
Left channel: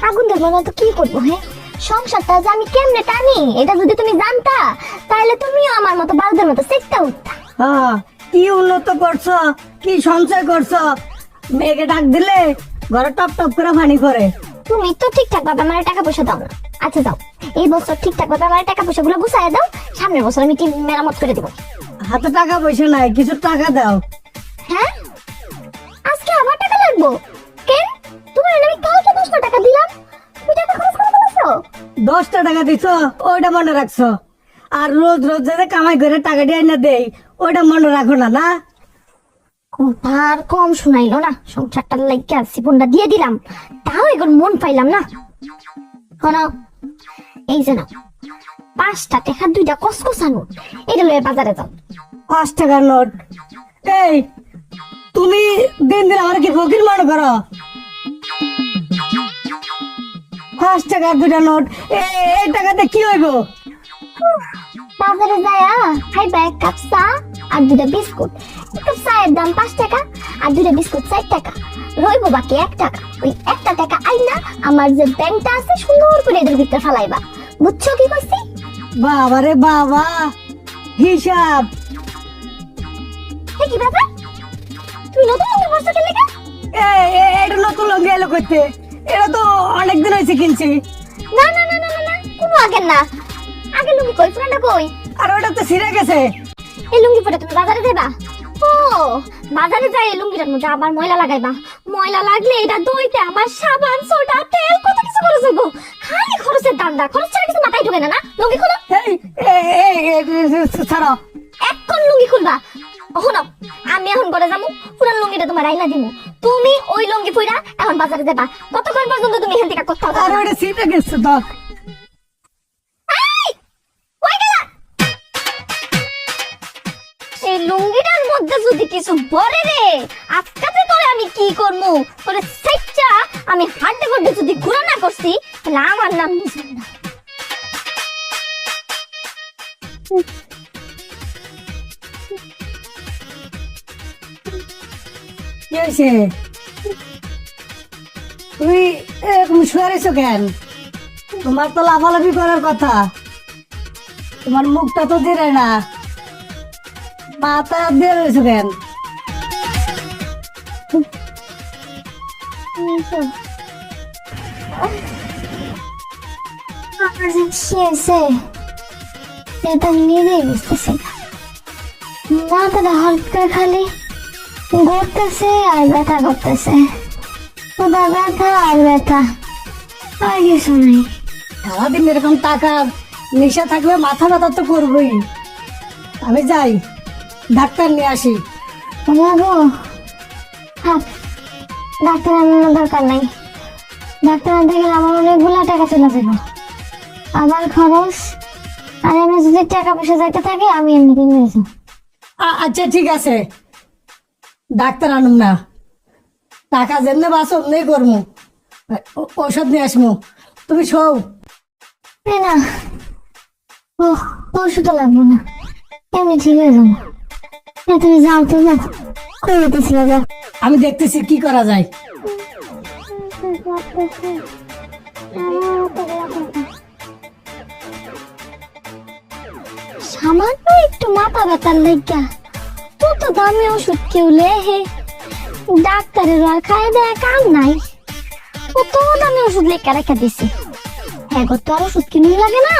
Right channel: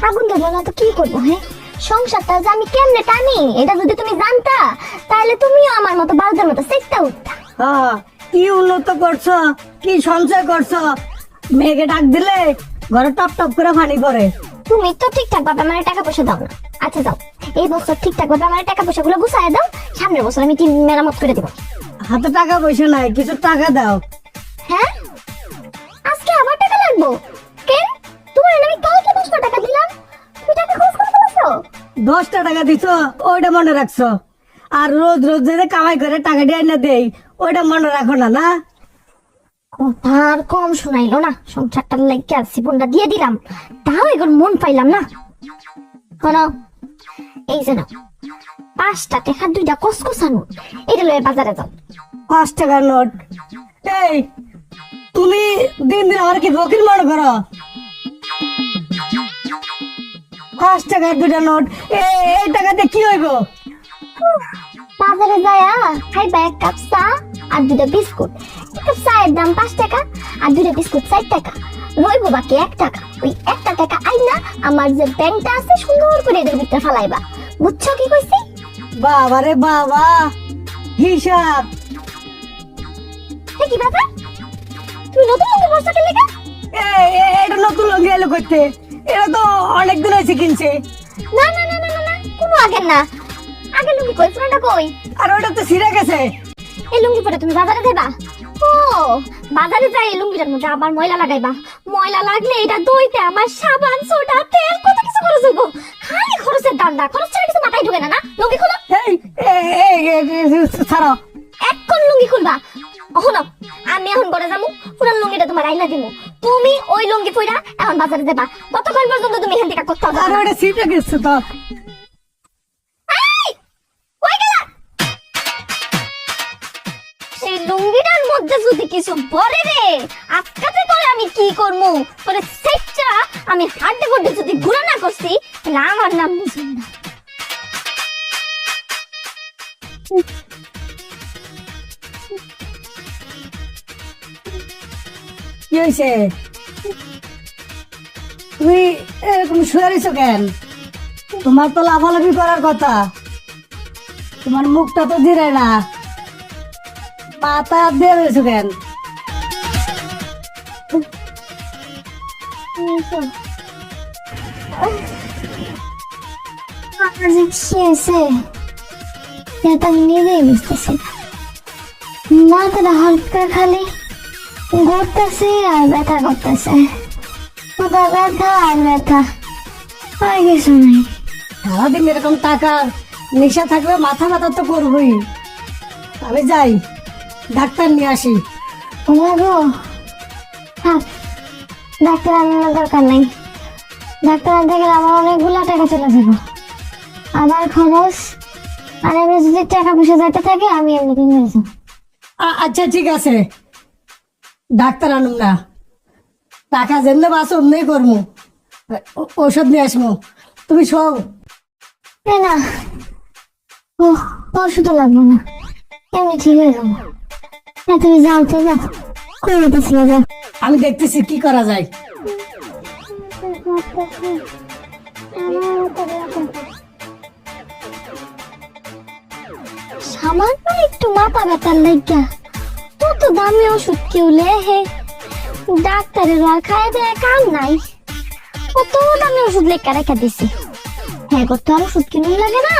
আগুন দেবো না তো কি করবো? হ্যাঁ, সংসারটা যে আমি কেমনে টানি এটা যদি তুমি জানতা, তাহলে তুমিও আমার মতো বালদের মতো সেটটা উঠতা। হ্যাঁ, কি উন্নত করছো, কি সঞ্চয় করছো, মেয়েকে ডাক দিলে ঘরে টপ টপ করে পানি পড়ে। তুমি তো ঠিকঠাক ভাবে আমার টাকা পয়সা দাও না। আচ্ছা দাও, এই বছর ঠিকঠাক ভাবে আমার টাকা পয়সা গুলো গুছাই দাও, সামনের বছর আমি টিম মেরামত করে দেবো। হাতে টাকা পয়সা নাই, কিছু টাকা দাও। হ্যাঁ, আজকে আবার টাকা লাগবো কেন? তোমার আমি কালকে 10 টাকা দিলাম, তুমি টাকা খরচ করে ফেলেছো। 10টা টাকা দিছো, ওইটা মনে রাখছো। আর রোজ রোজ যদি কামাই করে টাকা দিয়ে এনে দেই, ওইটা মনে রাখো না। না, কথা আর কম শোনাইলো না। সংসারটার লাইগা জীবনটা দিয়ে দিলাম, তাও এখন মন পাইলাম না। শোনো, এই যে নাও 5টা টাকা 2টা কসকসা নোট, এটা লয়ে বাজারে যাও। 5 টাকার নোট? এই, তুমি দিন দিন আমার কি ফকির মনে করো? 5 টাকার 2টা নোট, এই টাকাতে কি হইব? বাজারে যায়া খাইবা 1 কাপ চা আর 2টা বিস্কুট। 1 কাপ চায়ের দাম 5 টাকা আর 2টা বিস্কুট 4 টাকা। রইব বাকি 1 টাকা। ওই 1 টাকা আইনা আমার যে ব্যাংকটা আছে সুন্দর করে এদের ভিতরে ফেলাইবা। বুঝছো কি কইছি? বাবা রে বাবা, হিসাব। কি ব্যাপার? তুমি নতুন লুঙ্গি পরছো কেন লেগা? এটা নতুন লঙ্গি এলো করতে, এটা তো অনেক দিন হয়েছে কিনছি। না না না না না, কোনো আগের না। আগে লুঙ্গি কই, পুরানটা কই? আর ওটা তো ছিঁড়ে গেছে। এই লুঙ্গি পরে তুমি বাজারে যাবা? ও, বাজারে যাই এই লুঙ্গিটার মধ্যে আবার ময়লা লাগাইবা। ময়লা লাগলে এটা ধুইতে আমার সাবান, সোডা, তেল কত কিছু খরচ হইব। খালি খরচের দান্দা, খরচ ছাড়া কিছু মাথায় ঢোকে না। না, লুঙ্গি খুলো। ছাড়ো। এখন লুঙ্গি খুলবা। ওহো, আমি এখন ঘরে যাবো, পুরান লুঙ্গিটা তোমার আইনা দিমু। তুমি ওই লুঙ্গি পইরা এখন বাজারে যাবা। ততক্ষণ পর্যন্ত তুমি এখান থেকে কোথাও আর যাবা না। ওটা ছিঁড়ে গেছে তো। এই, কই গেলা? এই লুঙ্গিটার মধ্যে যদি কিছু পরে রে, আজকাতে তোরে আমি কি করবো? তোরে সেটটা আমি হাঁটতে করতে যদি ঘুরে না করছি, তাহলে আমার নাম মুসিন্দা। কি হয়েছে? তুমি এরকম শুয়ে রয়েছো কেন? তোমার তো লাফালাফি করার কথা, তোমার মুখটা তো দিয়ে না, মাথা দিয়ে রয়েছো কেন? আমার যে খেয়েছে সেটা আমি নিজেই বুঝতেছি না। মাথাটা হালকা খালি ঘুরতেছে আর ব্যথা করতেছে। ওদের ব্যথা আর ব্যথা, আর কিছু নেই। সারাদিন এরকম টাকা নেশা থাকলে মাথা ব্যথা তো করবোই। আমি যাই, ডাক্তার নিয়ে আসি। যাবো? থাক, ডাক্তার আনানোর দরকার নেই। ডাক্তার আনতে গেলে আমার অনেকগুলা টাকা চলে যাবো, আমার খরচ। আর এমনি যদি টাকা পয়সা যাইতে থাকে আমি এমনিতে নিয়ে যাবো। আচ্ছা ঠিক আছে, ডাক্তার আনুম না, টাকা যেমনি বাস অমনি করবো, ঔষধ নিয়ে আসবো। তুমি শোও। এই না, ও ওষুধ লাগবে না, এমনি ঠিক হয়ে যাবো। তুমি যাও তো, যাও কই যেতেছিল, যাও। আমি দেখতেছি কি করা যায়। সামান্য একটু মাথা ব্যথার লেগা তত দামি ওষুধ কেউ লেহে? ডাক্তারের আর খাই দেয় কাম নাই, কত দামি ওষুধ লেখা রেখে দিছে। হ্যাঁ, কত আর ওষুধ কিনুন লাগে না,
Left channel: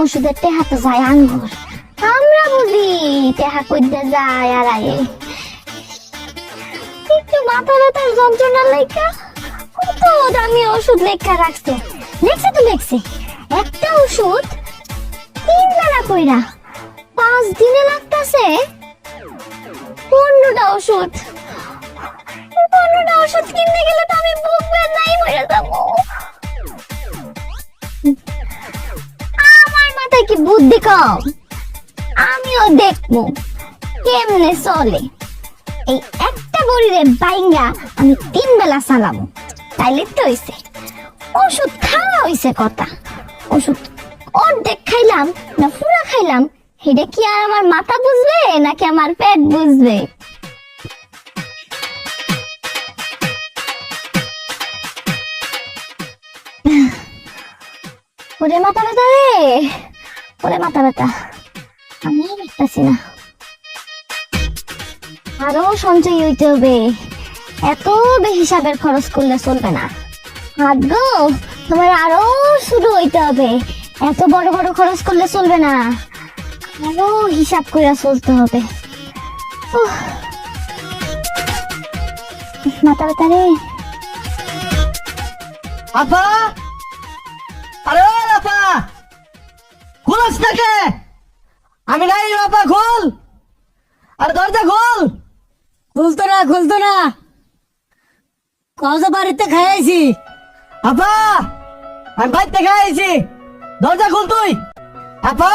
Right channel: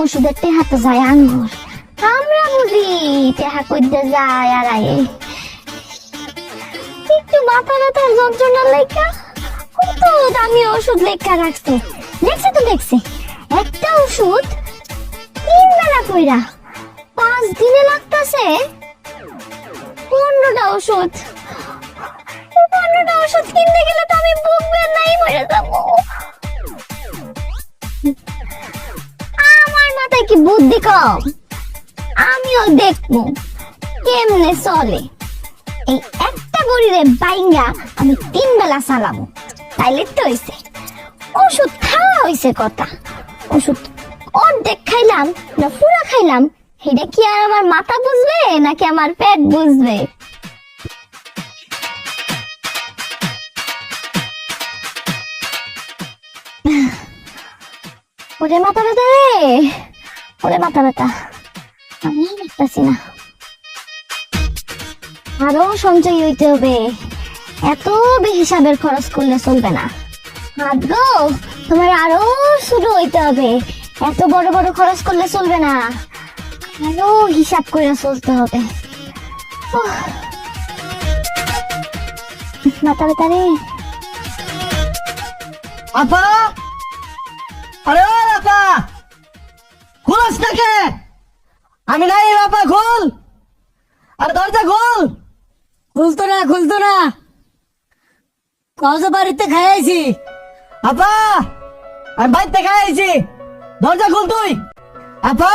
ওষুধের টেহাতে যায় আঙ্গুর। আমরা বুঝি টেহা করতে যায় আর আয়ে একটু মাথা ব্যথার যন্ত্রণার লেখা কত দামি ওষুধ লেখা রাখছে। লেখছে তো লেখছে, একটা ওষুধ 3 বেলা কইরা 5 দিনে লাগতাছে 15টা ওষুধ। অন্যটা ওষুধ কিনতে গেলে তো আমি বুকবে নাই মরে যাবো। আমার মাথায় কি বুদ্ধি কম? আমিও দেখবো কেমনে চলে। এই একটা বড়িরে বাইঙ্গা আমি 3 বেলা চালাবো, তাইলে তো হইছে। ওষুধ খাওয়া হইছে কথা, ওষুধ অর্ধেক খাইলাম না পুরা খাইলাম, এটা কি আর আমার মাথা বুঝবে নাকি আমার পেট বুঝবে? ওরে মাথা ব্যথা রে, ওরে মাথা ব্যথা, আমি দেখতেছি না। আরো সঞ্চয় হইতে হবে, এত হিসাবের খরচ করলে চলবে না। হাত গো, তোমার আরো শুরু হইতে হবে, এত বড় বড় খরচ করলে চলবে না, আরো হিসাব করে চলতে হবে। উহ, মাথা ব্যথা রে। আপা, আরে ও আপা, খুলস নাকি? আমি নাই আপা, খোল, আর দরজা খোল। খুলতো না, কত বাড়িতে খাইছি। আপা, আমি বাড়িতে খাইছি, দরজা খোল তুই। আপা,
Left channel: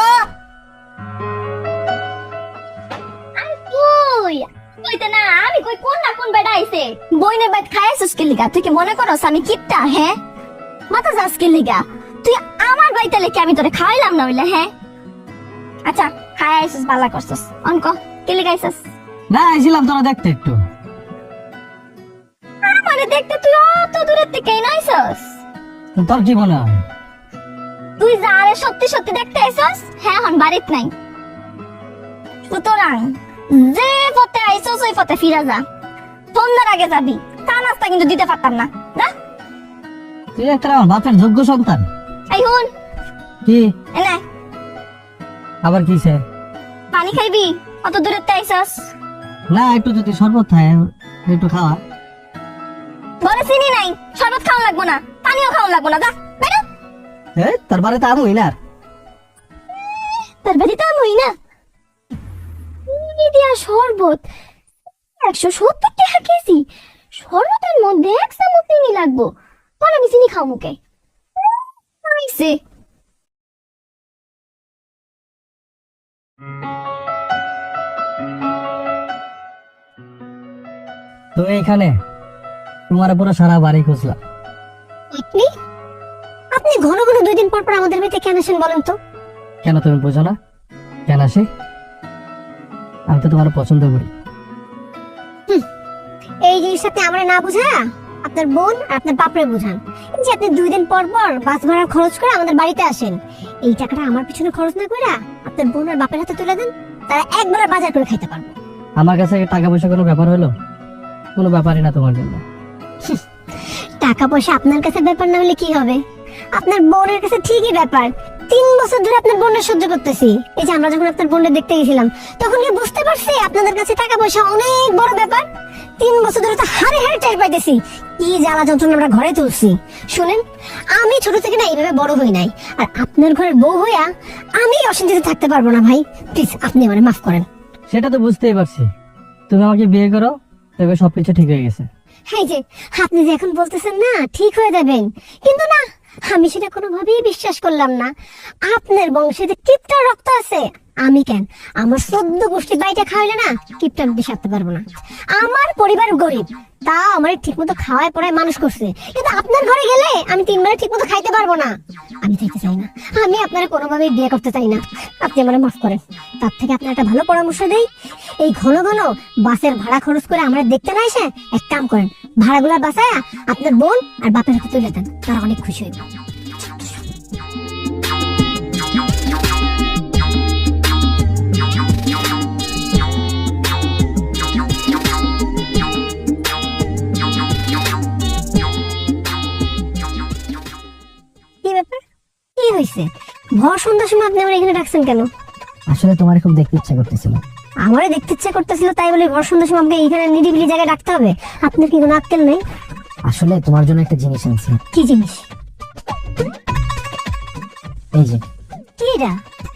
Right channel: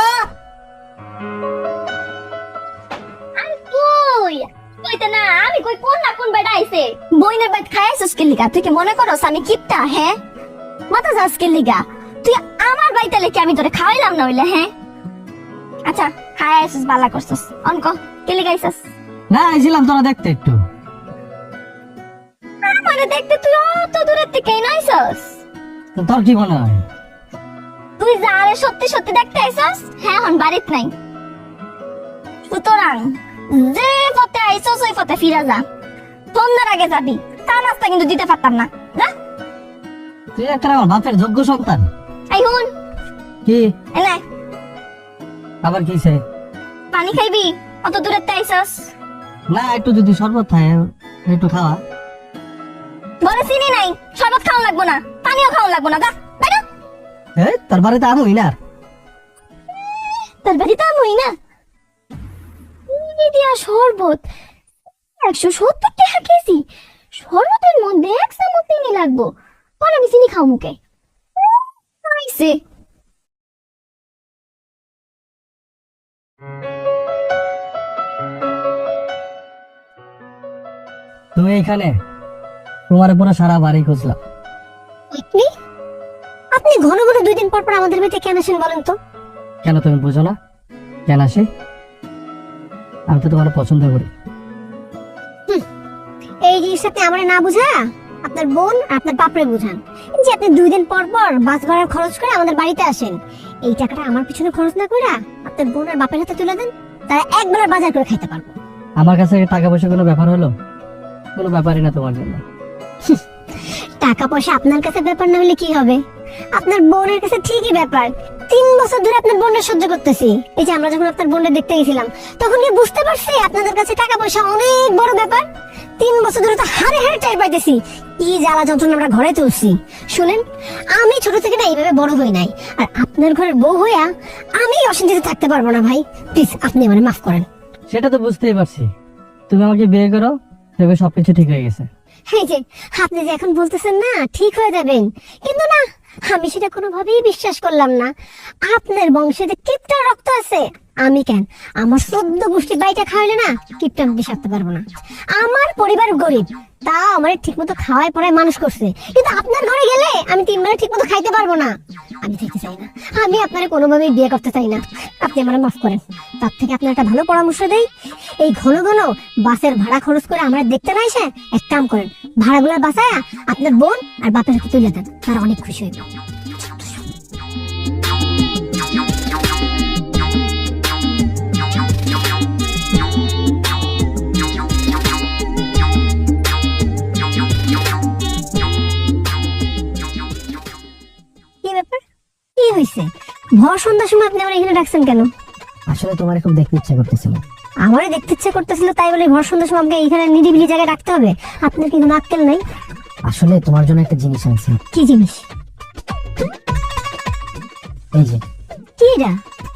আরে কই কইতে না, আমি কই কোন না কোন বেটা আইছে। বইনের বাইত খাইছিস কি লিগা? তুই কি মনে করস আমি কিপটা? হ্যাঁ, মাথা যাস কি লিগা? তুই আমার বাইতে লেকে আমি তোরে খাওয়াইলাম না হইলে? হ্যাঁ, আচ্ছা খাই আইছিস, বালা করছিস, অনক কি লিগা আইছিস? না আইছিলাম তোরা দেখতে একটু। আমারে দেখতে তুই অত দূরের থেকে কেন আইছস? তো তোর কি মনে হয়? তুই যারে সত্যি সত্যি দেখতে আইছস, হ্যাঁ হন বাড়িত নাই। সুতরাং যে পথে আইছস ওই পথে ফিরা যা, সন্ধ্যার আগে যাবি। চা নাস্তা কিন্তু দিতে পারতাম না। যা। তুই একটা আমার বাপের যোগ্য সন্তান। এই হুন, কি এনে আবার কিসে? পানি খাইবি? অত দূরের থেকে আইছস। না একটু যদি শরবত খায় একটু খাওয়া। বলে চিনি নাই, শরবত খাওয়া লাগবো না, পানিও খাওয়া লাগবো না। যা বেটা। হ্যাঁ তার বাড়িতে আমই না। তোর বাড়িতে আমই না? চিনি দিয়া শরবত 170 টাকা কেজি। শরবতের মধ্যে 1 চামচ চিনি লাগবো, আর আমি চিনি খাও মুখে? আইছে তুমি এখানে? তোমার পুরো সারা বাড়ি খুঁজলাম। আপনি আপনি ঘন ঘন 2 দিন পর পর আমাদের বাড়িতে কেন আসেন বলেন তো? কেন তুমি বোঝো না কেন আসি? আমি তো তোমার পছন্দ করি। এই জিনিসটা আপনি আমরা না বুঝা আপনার বোন আর আপনার বাপরে বুঝান যে আপনি 2 দিন পর পর বাস ভাড়া খরচ করে আমাদের বাড়িতে আসেন। এই টাকাটা আমার পিছনে খরচ না করে আপনার বোন আর বাপের হাতে তুলে দেন, তারা একবারে বাজার করে খেতে পারবো। আমার কাছে টাকা পয়সা কোনো ব্যাপার হলো? কোনো ব্যাপারই না তোমার জন্য। টাকা পয়সা আপনার কাছে ব্যাপার না হলে কি হবে? আপনার বোনের কাছে ঠিকই ব্যাপার। 3 বছর ধরে আপনার বোনের সহ্য করতেছি। এই যে আমরা যখন আপনার বোনের দেখতে গেছিলাম তখন কি বুঝতে পারছি আপনাদের কাছে টাকা পয়সা অনেক বড় ব্যাপার? 3 বছর ধরে তো হারে হারে টাইপ পাইতেছি, কি জ্বালা যন্ত্রণা আমরা ঘরে তুলছি। শুনেন, আমি ছোট থেকে না এইভাবে বড় হই নাই, আর আপনার ঘরের বউ হইয়া আমি অশান্তিতে থাকতে পারবো না ভাই। প্লিজ আপনি আমাকে মাফ করেন। সেটা তো বুঝতেই পারছি, তুমি আমাকে বিয়ে করো তবে সবকিছু ঠিক হয়ে গেছে। এই যে আপনি যে এখন বলতেছেন না ঠিক হয়ে যাবেন, কিন্তু না, আমি সেটা কোনোভাবেই বিশ্বাস করলাম না। আপনার বংশে যে কিপটা রক্ত আছে, আমি কেন আমার 14 গোষ্ঠী বাড়িতে খাওয়াইলে না কিপটা আমি বিষাক্ত পারবো না। আমার পরিবার গরিব, তাও আমার ঠিক মতো খাওয়ায় পড়ায় মানুষ করছে, কিন্তু আপনার ঘরে গেলে আমি 3 বেলা ঠিক মতো খাইতে পারবো না। আমি চাইতে চাই না, আমি আপনার কোনোভাবেই বিয়ে করতে চাই না। আপনি আমার মাফ করেন। তার থেকে আপনার একটা ভালো পরামর্শ দেয়, এই ঘন ঘন বাসের ভাড়া খরচ করে আমরা দেখতে না এসে এক কাম করেন, ভাড়াগুলা বাঁচায় আপনার বোন আর বাপের হাতে তুলে দেন, তারা অনেক খুশি হইবে। কি ব্যাপার, কি হয়েছে? ভর সন্ধ্যার সময় আপনি আমার এখানে ডাকছেন কেন? আসলে তোমার খুব দেখতে ইচ্ছা করতেছিল। আমারও দেখতে ইচ্ছে করতেছিল, তাই বলে ভর সন্ধ্যার সময় আমাকে এইখানে নিরিবিলি জায়গায় ডাকতে হবে? আপনার কি কোনো আক্কেল নাই? আসলে তোমার জন্য একটা জিনিস আছে। কি জিনিস? এই যে কি এটা?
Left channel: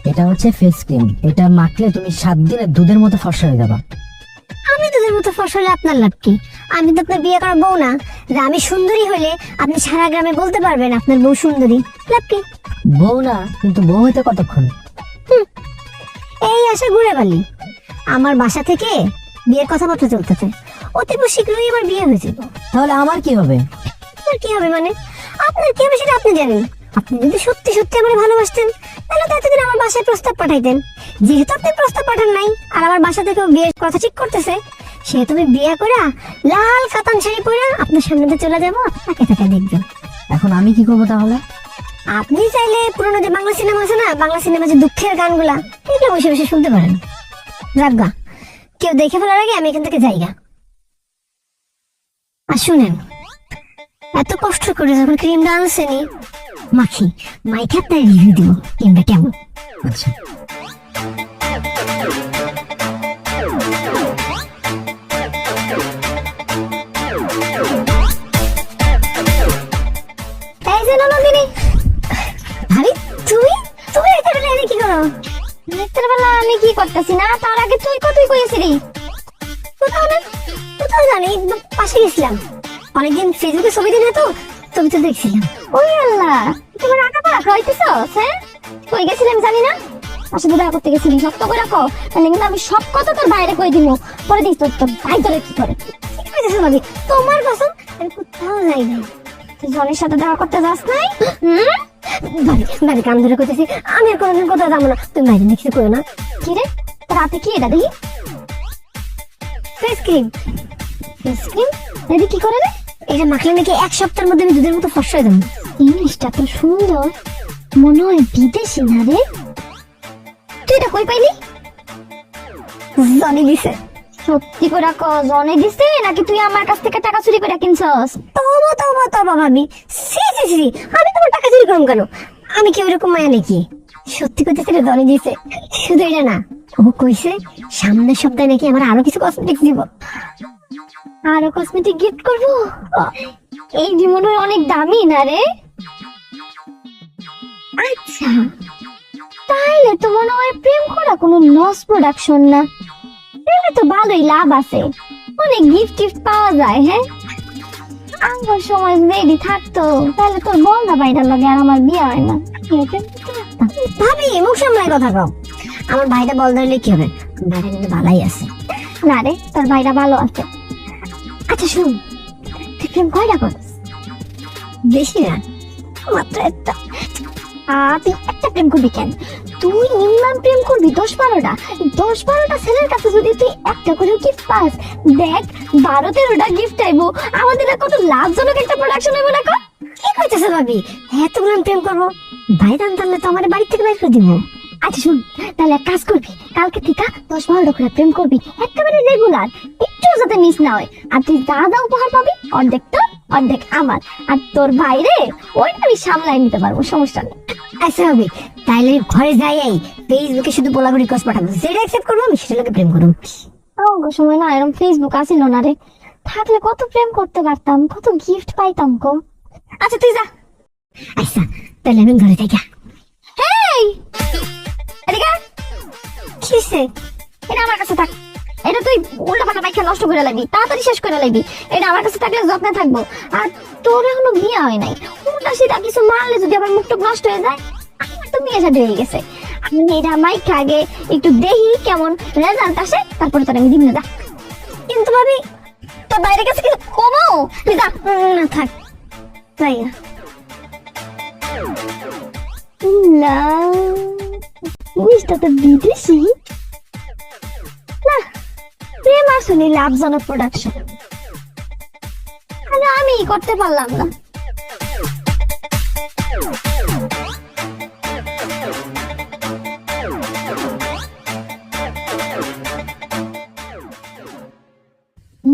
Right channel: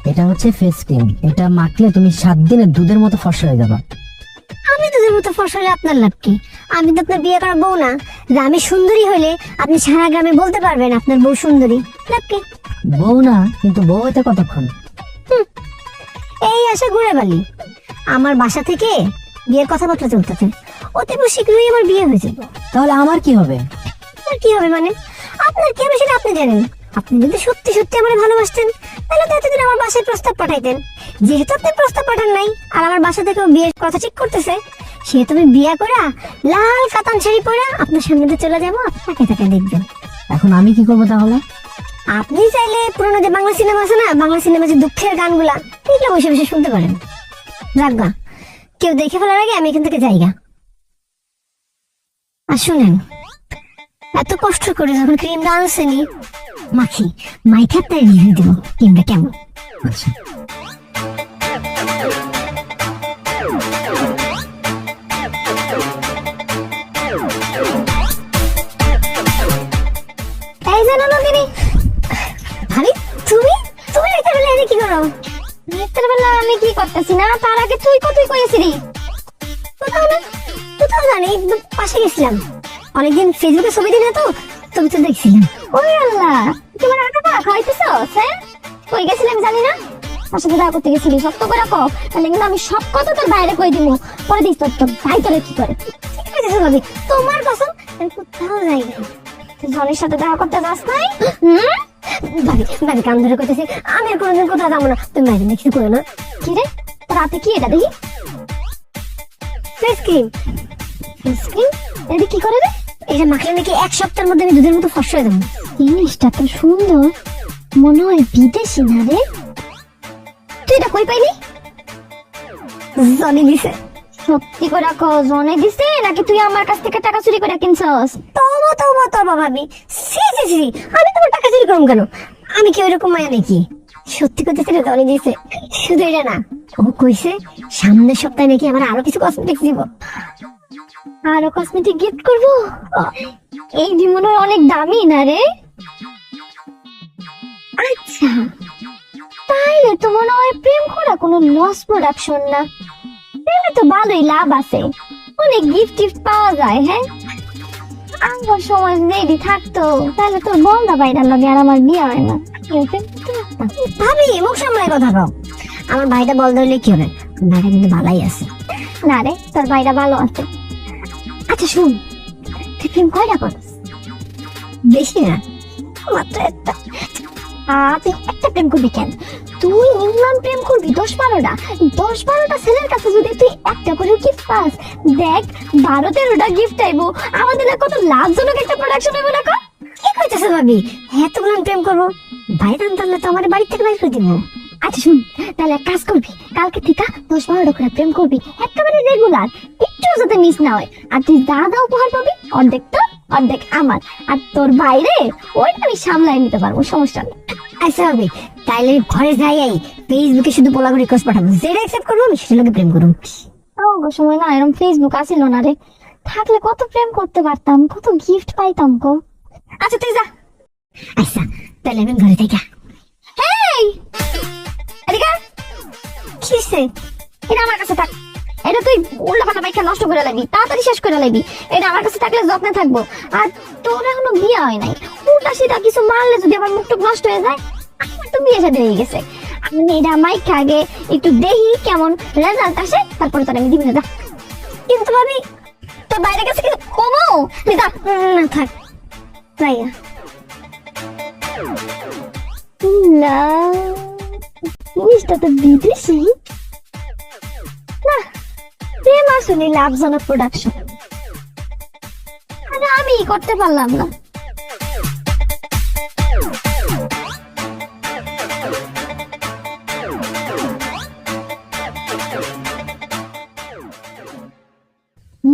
এটা হচ্ছে ফেস ক্রিম। এটা মাখলে তুমি 7 দিনে দুধের মতো ফর্সা হয়ে যাবা। আমি তোদের মতো ফসলে আপনার লাভ কি? আমি তো আপনার বিয়ে করার বউ না, যে আমি সুন্দরী হলে আপনি সারা গ্রামে বলতে পারবেন আপনার বউ সুন্দরী। লাভ কি? বউ না, কিন্তু বউ হইতে কতক্ষণ? এই আশা ঘুরে বালি। আমার বাসা থেকে বিয়ের কথাবার্তা চলতেছে, অতি শীঘ্রই আমার বিয়ে হয়েছে। তাহলে আমার কি হবে? আপনার কি হবে মানে? আপনার কি হবে সেটা আপনি জানেন। আপনি যদি সত্যি সত্যি আমার ভালোবাসতেন তাহলে তো এতদিন আমার বাসায় প্রস্তাব পাঠাইতেন। যেহেতু আপনি প্রস্তাব পাঠান নাই আর আমার বাসা থেকে বিয়ের কথা ঠিক করতেছে, সেহেতু আমি বিয়ে করা লাল কাতান শাড়ি পরে আপনার সামনে দিয়ে চলে যাবো, তাকে তাকে দেখবেন। এখন আমি কি করবো তাহলে? আপনি চাইলে পুরোনো যে বাংলা সিনেমা আছে না, বাংলা সিনেমা যে দুঃখের গানগুলা, এগুলো বসে বসে শুনতে পারেন। রাখবা, কেউ দেখে ফেলার আগে আমি এখান থেকে যাইগা। আর শুনেন, এত কষ্ট করে যখন ক্রিমটা আনছেনি, মাখি মাইখার তাই রিভিউ দিব ক্রিমটা কেমন। আচ্ছা, এই যে নন্দিনী ভাবি, তুমি তুমি একটা বেলা এনে কি করো? রাতের বেলা আমি কি করতেছি না, তার আগে তুই কতই কইছিলি। কোথাও না, কোথাও জানি, একদম পাশে গেছিলাম। অনেকদিন ফেসবুকে ছবি দিলে তো, ছবি তো দেখছিলাম। ওই আল্লাহ, তোমার আঁকা পাকা খাইতেছস? হ্যাঁ, কই গেছিলি আমি জানি না। তার সাথে দেখা করতে গেছিলি, সত্য করে রাখো, তাহলে কিন্তু আমি সব কথা তোর বাইরে কই দিব। পরে দেখ তোর ভাই তোরে কি করে। ঠিক আছে ভাবি, তোমার কসম আমি কোথাও যাই নাই। জনের সাথে দেখা করতে যাস নাই? ভাবি ভাবি কান ধরে কইতেছি, আমি আর কোনোদিন কোথাও যাবো না। তুমি বাইরে নিয়ে কিছু করো না। কি রে, রাতে কি এটা দেখি? Face cream. স্কিন এটা কি করে রে? এটা মাখলে নাকি 1 সপ্তাহের মধ্যে আমি দুধের মতো ফর্সা হয়ে যাবো। জিনিসটা তো সুন্দর, মনে হয় বিদেশি না রে। তুই এটা কই পাইলি? জানি দিছে। সত্যি করে কো, জনে দিছে নাকি তুই আমার কাছ থেকে টাকা চুরি করে কিনছস? তবু তবু তবু ভাবি, সি সি সি, আমি তোমার টাকা চুরি করুম কেন? আমি কি ওইরকম মায়া নাকি? সত্যি কইতেছি রে, জানি দিছে। শুধু এটা না, ও কইছে সামনের সপ্তাহে নাকি আমার আরো কিছু কসমেটিক্স দিব। আরো কসমেটিক গিফট করবো? এই যে মনে হয় অনেক দামি না রে? আচ্ছা, তাহলে তো মনে হয় প্রেম করা কোনো লস প্রোডাকশন না। প্রেমে তো ভালোই লাভ আছে, অনেক গিফট টিফট পাওয়া যায়। হ্যাঁ, আমার সময় রেডি থাকতো তাহলে তোর বন্ধা বাইরের লাগে আর আমার বিয়ে হয় না। কি হবে? ভাবি মুখ সামলায় কথা কও। আমার ভাইটা বল ধরলে কি হবে? ভাইটা কিন্তু ভালোই আছে। না রে, তোর ভাইরা ভালো আছে। আচ্ছা শুন, তুই প্রেম কয়টা করস? বেশি না, মাত্র একটা। তুই একটা প্রেম করবি কেন? তুই মিনিমাম প্রেম করবি 10-12টা। 10-12টা ছেলের কাছে যদি তুই একটা করে গিফট পাস, দেখ 12-13টা গিফট আইবো। আমাদের না কত লাভজনক একটা প্রোডাকশন হবে না? কি কইতেছো ভাবি? এতগুলো আমি প্রেম করবো? ভাই জানতালে তো আমার বাড়ি থেকে বাইর করে দিব। আচ্ছা শুন, তাহলে এক কাজ করবি, কালকে থেকে 10-12টা করে প্রেম করবি, একেবারে রেগুলার, একটু যাতে মিস না হয়। আর তুই যা যা উপহার পাবি, অর্ধেক তোর অর্ধেক আমার। আর তোর বাইরে ওইটা আমি সামলাই নিতে পারবো, সমস্যা নেই। আচ্ছা ভাবি, তাইলে ঘরে যাই ফেসবুকে শুধু বলাবো, রিকোয়েস্ট পাঠাবো, যেটা অ্যাকসেপ্ট করবো আমি সেটা লাগে প্রেম করবো। আমার সময় না এরকম ফেসবুক আসিল না রে, থাকলে কত প্রেম করতে পারতাম, কত গিফট পাইতাম গো। আচ্ছা তুই যা। আচ্ছা তাহলে আমি ঘরে যাই। হেই, এদিকে আয়। কিসে? এটা আমার কাছে থাক। এটা তুই উল্টা পাল্টা বাইকটা নষ্ট করে লাগবি, তাড়াতাড়ি শেষ করে লাগবি। এটা আমার কাছে থাকলে যত্নে থাকবো। আর তোর এখনো বিয়ে হয় নাই, উল্টা সেটা কিছু মারলে যদি আমার মুখটা নষ্ট হয়ে যায়, আমার তো বিয়ে শাদী হয়ে গেছে। আমি এটা মাইক আগে একটু দেখি কেমন রেজাল্ট আসে, তারপরে তোর আমি দিব না। যা। কিন্তু ভাবি তোর বাইরে গেছে কিন্তু কমো, তুই যা। না থাক, তাই না? না, জিনিসটা তো বিদেশি না। প্রেম আসলে লাভজনক প্রোডাকশন, আমি করতে পারলাম না।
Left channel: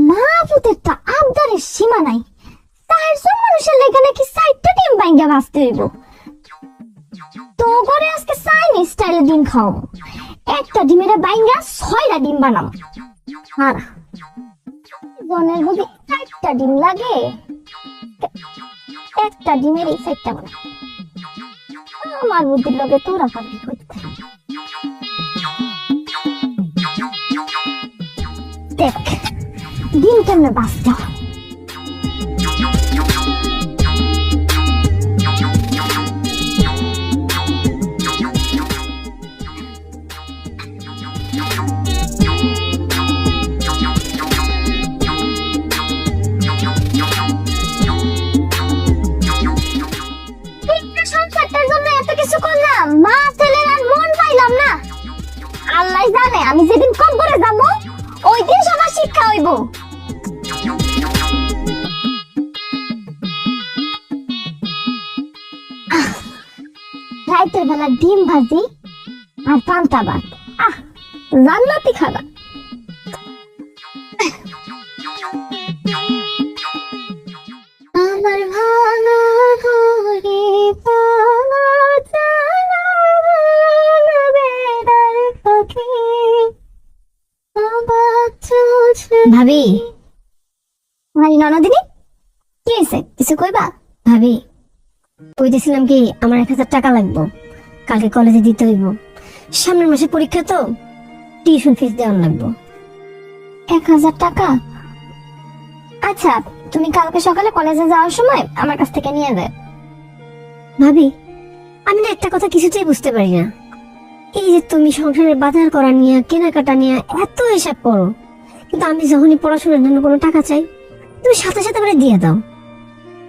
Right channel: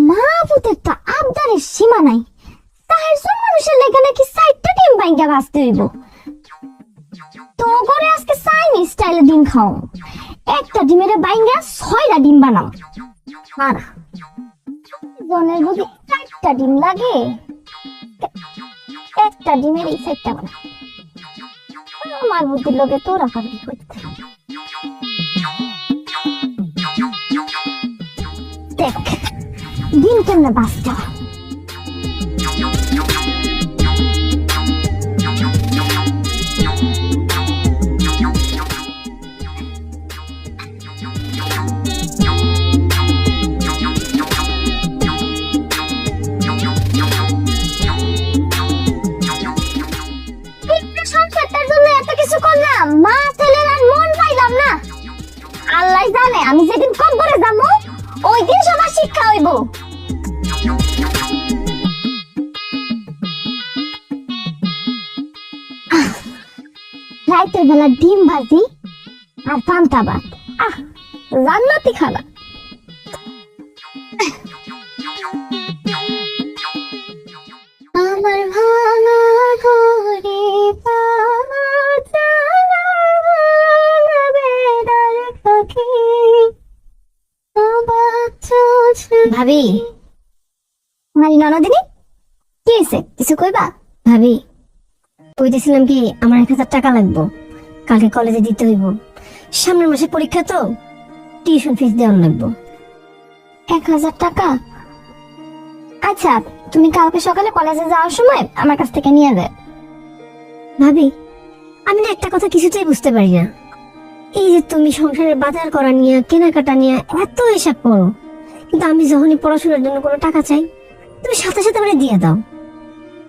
মা পুতের তো আবদারের সীমা নাই। 4 মানুষের লেগে নাকি 4টা ডিম বাইঙ্গা বাঁচতে হইব। তো করে আজকে চাইনিজ স্টাইলে ডিম খাও, একটা ডিমের বাইঙ্গা 6টা ডিম বানাও। হ্যাঁ, জনের যদি 4টা ডিম লাগে, একটা ডিমের এই 4টা বানা। আমার বুদ্ধির লোকে তোরা পাবি করতে। দেখ দিন কেমনে বাঁচতে হয়। সংসারটার জন্য এত কিছু করলাম, মা ছেলের আর মন পাইলাম না। আল্লাহ জানে আমি যেদিন কবরে যাব ওই দিন সবার শিক্ষা হইব। রাতের বেলা ডিম ভাজি আর পান্তা ভাত, জান্নাতি খাবার। আমার ভাঙা ঘরে পাওয়া জানা বেড়ার পাখি। ভাবি, মারি ননদিনী, কি হয়েছে? কিছু কইবা? ভাবি, কইতেছিলাম কি, আমার 1000 টাকা লাগবে, কালকে কলেজে দিতে হইব। সামনের মাসে পরীক্ষা তো, টিউশন ফিস দেওয়ার লাগবে। 1000 টাকা? আচ্ছা, তুমি কালকে সকালে কলেজে যাওয়ার সময় আমার কাছ থেকে নিয়ে যাবে। ভাবি, আমি না একটা কথা কিছুতেই বুঝতে পারি না। এই যে তুমি সংসারের বাজার করা নিয়ে, কেনাকাটা নিয়ে এত হিসাব করো, কিন্তু আমি যখনই পড়াশোনার জন্য কোনো টাকা চাই, তুমি সাথে সাথে করে দিয়ে দাও।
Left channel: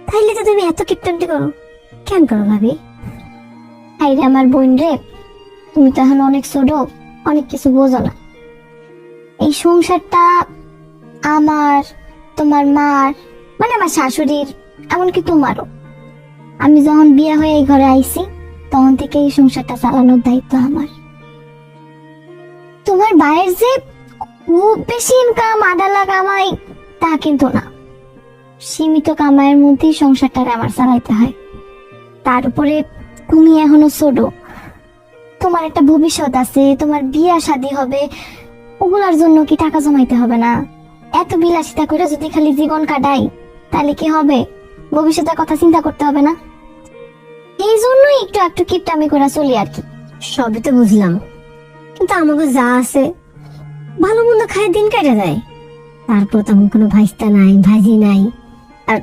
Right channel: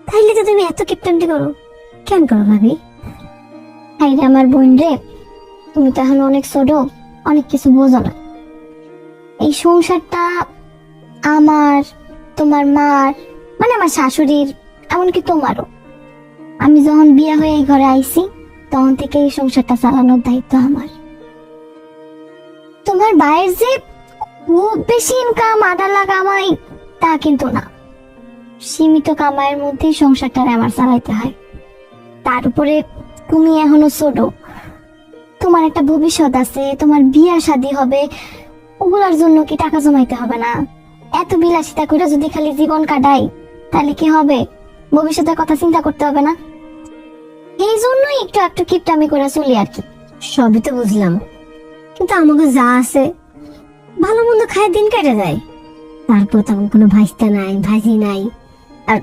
তাইলে তো তুমি এত কিপটামটি করো, কেন করো ভাবি? আইরে আমার বোন রে, তুমি তো এখন অনেক ছোট, অনেক কিছু বোঝো না। এই সংসারটা আমার, তোমার মার, মানে আমার শাশুড়ির, এমনকি তোমারও। আমি যখন বিয়ে হয়ে এই ঘরে আইছি তখন থেকে এই সংসারটা চালানোর দায়িত্ব আমার। তোমার ভাইয়ের যে খুব বেশি ইনকাম, আডালা কামাই, তা কিন্তু না। সীমিত কামাইয়ের মধ্যেই সংসারটা আমার চালাইতে হয়। তার উপরে তুমি এখনো ছোট, তোমার একটা ভবিষ্যৎ আছে, তোমার বিয়ে শাদী হবে, ওগুলার জন্য কি টাকা জমাইতে হবে না? এত বিলাসিতা করে যদি খালি জীবন কাটাই তাহলে কি হবে? ভবিষ্যতের কথা চিন্তা করতে হবে না? এই জন্যই একটু একটু কিপটামি করে চলি আর কি। সবই তো বুঝলাম, কিন্তু আমাকে যা আছে ভালো মন্দ খায় দিন কেটে যায়। তারপর তেমন কোনো ভাইস্তা নাই, ভাজি নাই। আর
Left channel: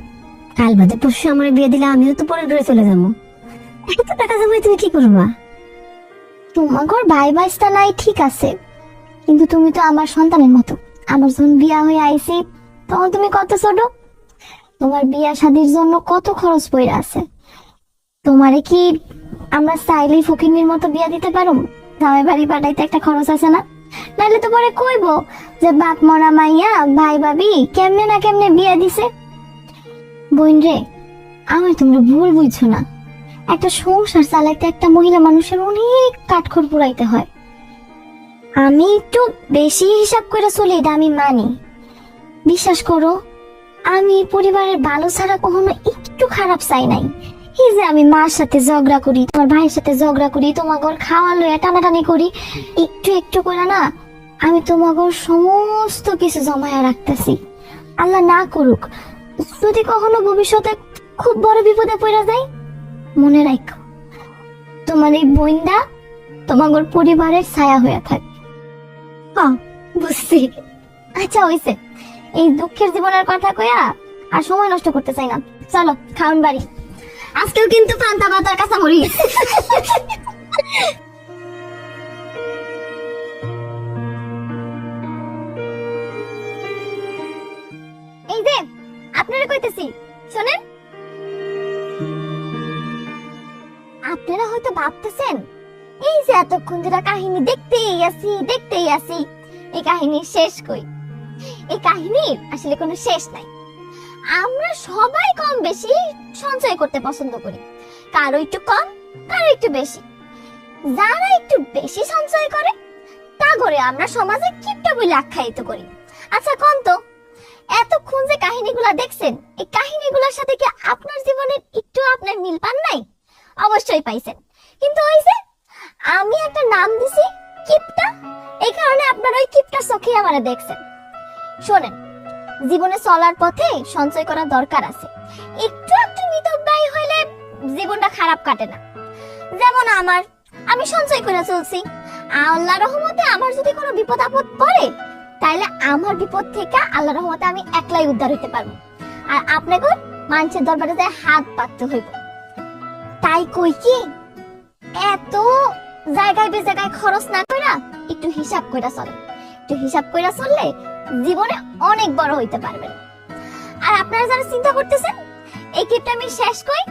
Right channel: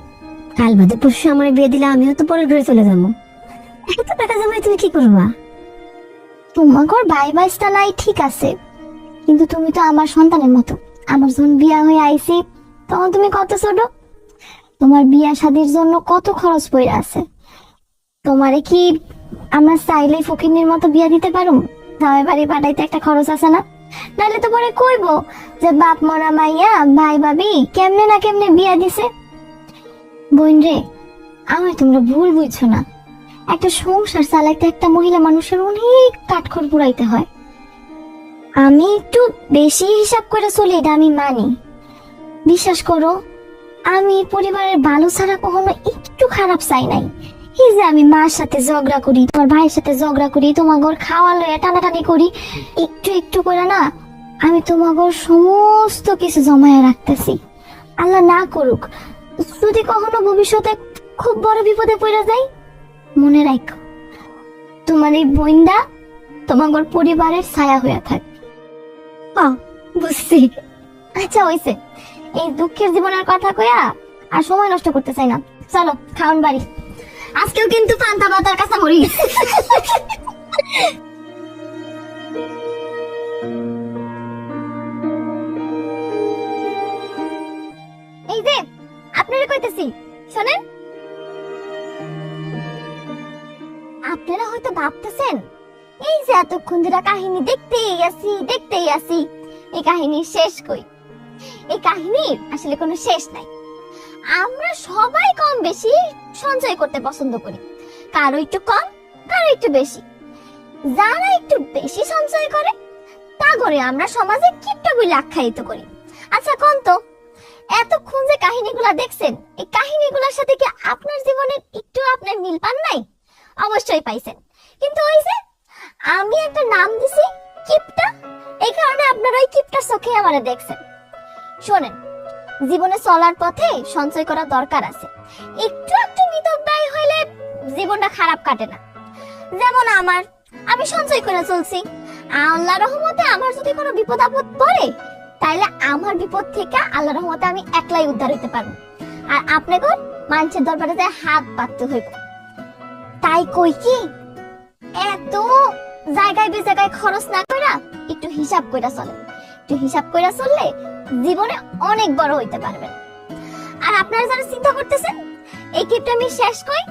কাল বাদে পরশু আমার বিয়ে দিলে আমিও তো পরে ঘুরে চলে যাবো। এত টাকা জমাই তুমি কি করবা? তোমার ভাই ভাইস্তা নাই ঠিক আছে, কিন্তু তুমি তো আমার সন্তানের মতো। আমার যখন বিয়া হয়ে আইছি তখন তুমি কত ছোট, তোমার বিয়া শাদীর জন্য কত খরচ পড়ে আছে। তোমারে কি আমরা চাইলেই ফকিন্নির মতো বিয়া দিতে পারো? জামাই বাড়ি পাঠাইতে একটা খরচ আছে না? নাহলে তো পরে কইবো যে বাপ মরা মাইয়া ভাই ভাবি কেমনে না কেমনে বিয়া দিছে। বোন রে, আমার তোমরা ভুল বুঝছো না। একটা সংসার চালাইতে একটা মহিলা মানুষের অনেক কাঠখড় পুরাইতে হয়। আমি একটু বেশি হিসাব করে চলি, এটা আমি মানি। বিশ্বাস করো, আমি পরিবারের ভালো ছাড়া কখনো একটু খারাপ চাই নাই। এই যে আমি মার সাথে ঝগড়া করি, তোমার ভাইয়ের সাথে ঝগড়া করি, তোমার ঘর খাওয়া লইয়া টানাটানি করি, একটু একটু করে না আমি তোমার ঘর সমস্ত কিছু জমায়ে রাখতেছি। আল্লাহ না করুক যদি কখনো ভবিষ্যতে খুব বড় বিপদে পড়ে যাই, মনে রাখো তোমার এই বোনটা তোমার পরিবারের ছায়া হয়ে থাকবে। বুঝছি। আচ্ছা হইছে, এই দুঃখের জীবনের কথা কইয়া আর সময় নষ্ট করতে চাই না। চলো খাওন বাড়ি। আজকেও কিন্তু পান্তা ভাত আর কাঁচামরি। এই যে আপনারা কইতেছি শোনেন। আপনারা হয়তো ভাবতেছেন এই যে এতক্ষণ ধরে কাহিনী দেখতেই আছি, এই কাহিনীর শেষ কই? এই কাহিনীর আসলে কোনো শেষ নাই। আমরা সবাই কম বেশি সঞ্চয় করতে পছন্দ করি, কারো একটু কম, কারো একটু বেশি। যারা একটু বেশি সঞ্চয় করে তা করে আমরা সমাজে কিপটা বলে আখ্যায়িত করি। আচ্ছা কোন তো, এতক্ষণ যে কাহিনীগুলা দেখছেন, এই কাহিনীগুলোর সাথে কি আপনার জীবনে একটু আপনার মিল পান নাই? অবশ্যই পাইছেন, কিন্তু ওই যে আমি একটা নাম দিছি কিপটা, এই কারণে আপনারা ওই কিপটার চোখে আমারে দেখছেন। শোনেন, জীবনে চলার পথে সঞ্চয় করা দরকার আছে। একটু একটু মিতব্যয় হইলে জীবনটা খারাপ কাটে না। যেমন আমি সঞ্চয় করে চলছি, আল্লাহর রহমতে আমার যদি কোনো বিপদ আপদ পড়ে তাইলে আমার বিপদ থেকে আল্লাহর রহমতে আমি একলাই উদ্ধার হইতে পারবো, আর আপনাকে মানুষের দরবারে যায় হাত পাততে হইব। তাই কই কি এত জায়গায় জায়গায় খরচ না কইরা একটু হিসাব কইরা চলে, একটু হিসাব কইরা চললে জীবনে অনেক বড় হইতে পারবে। আর আপনারা যারা চিন্তা করতেছেন এই গিফট আমি শেষ কই,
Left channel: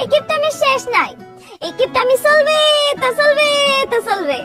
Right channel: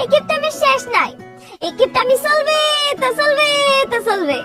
এই গিফট আমি শেষ নাই, এই গিফট আমি চলবে তা চলবে তা চলবে।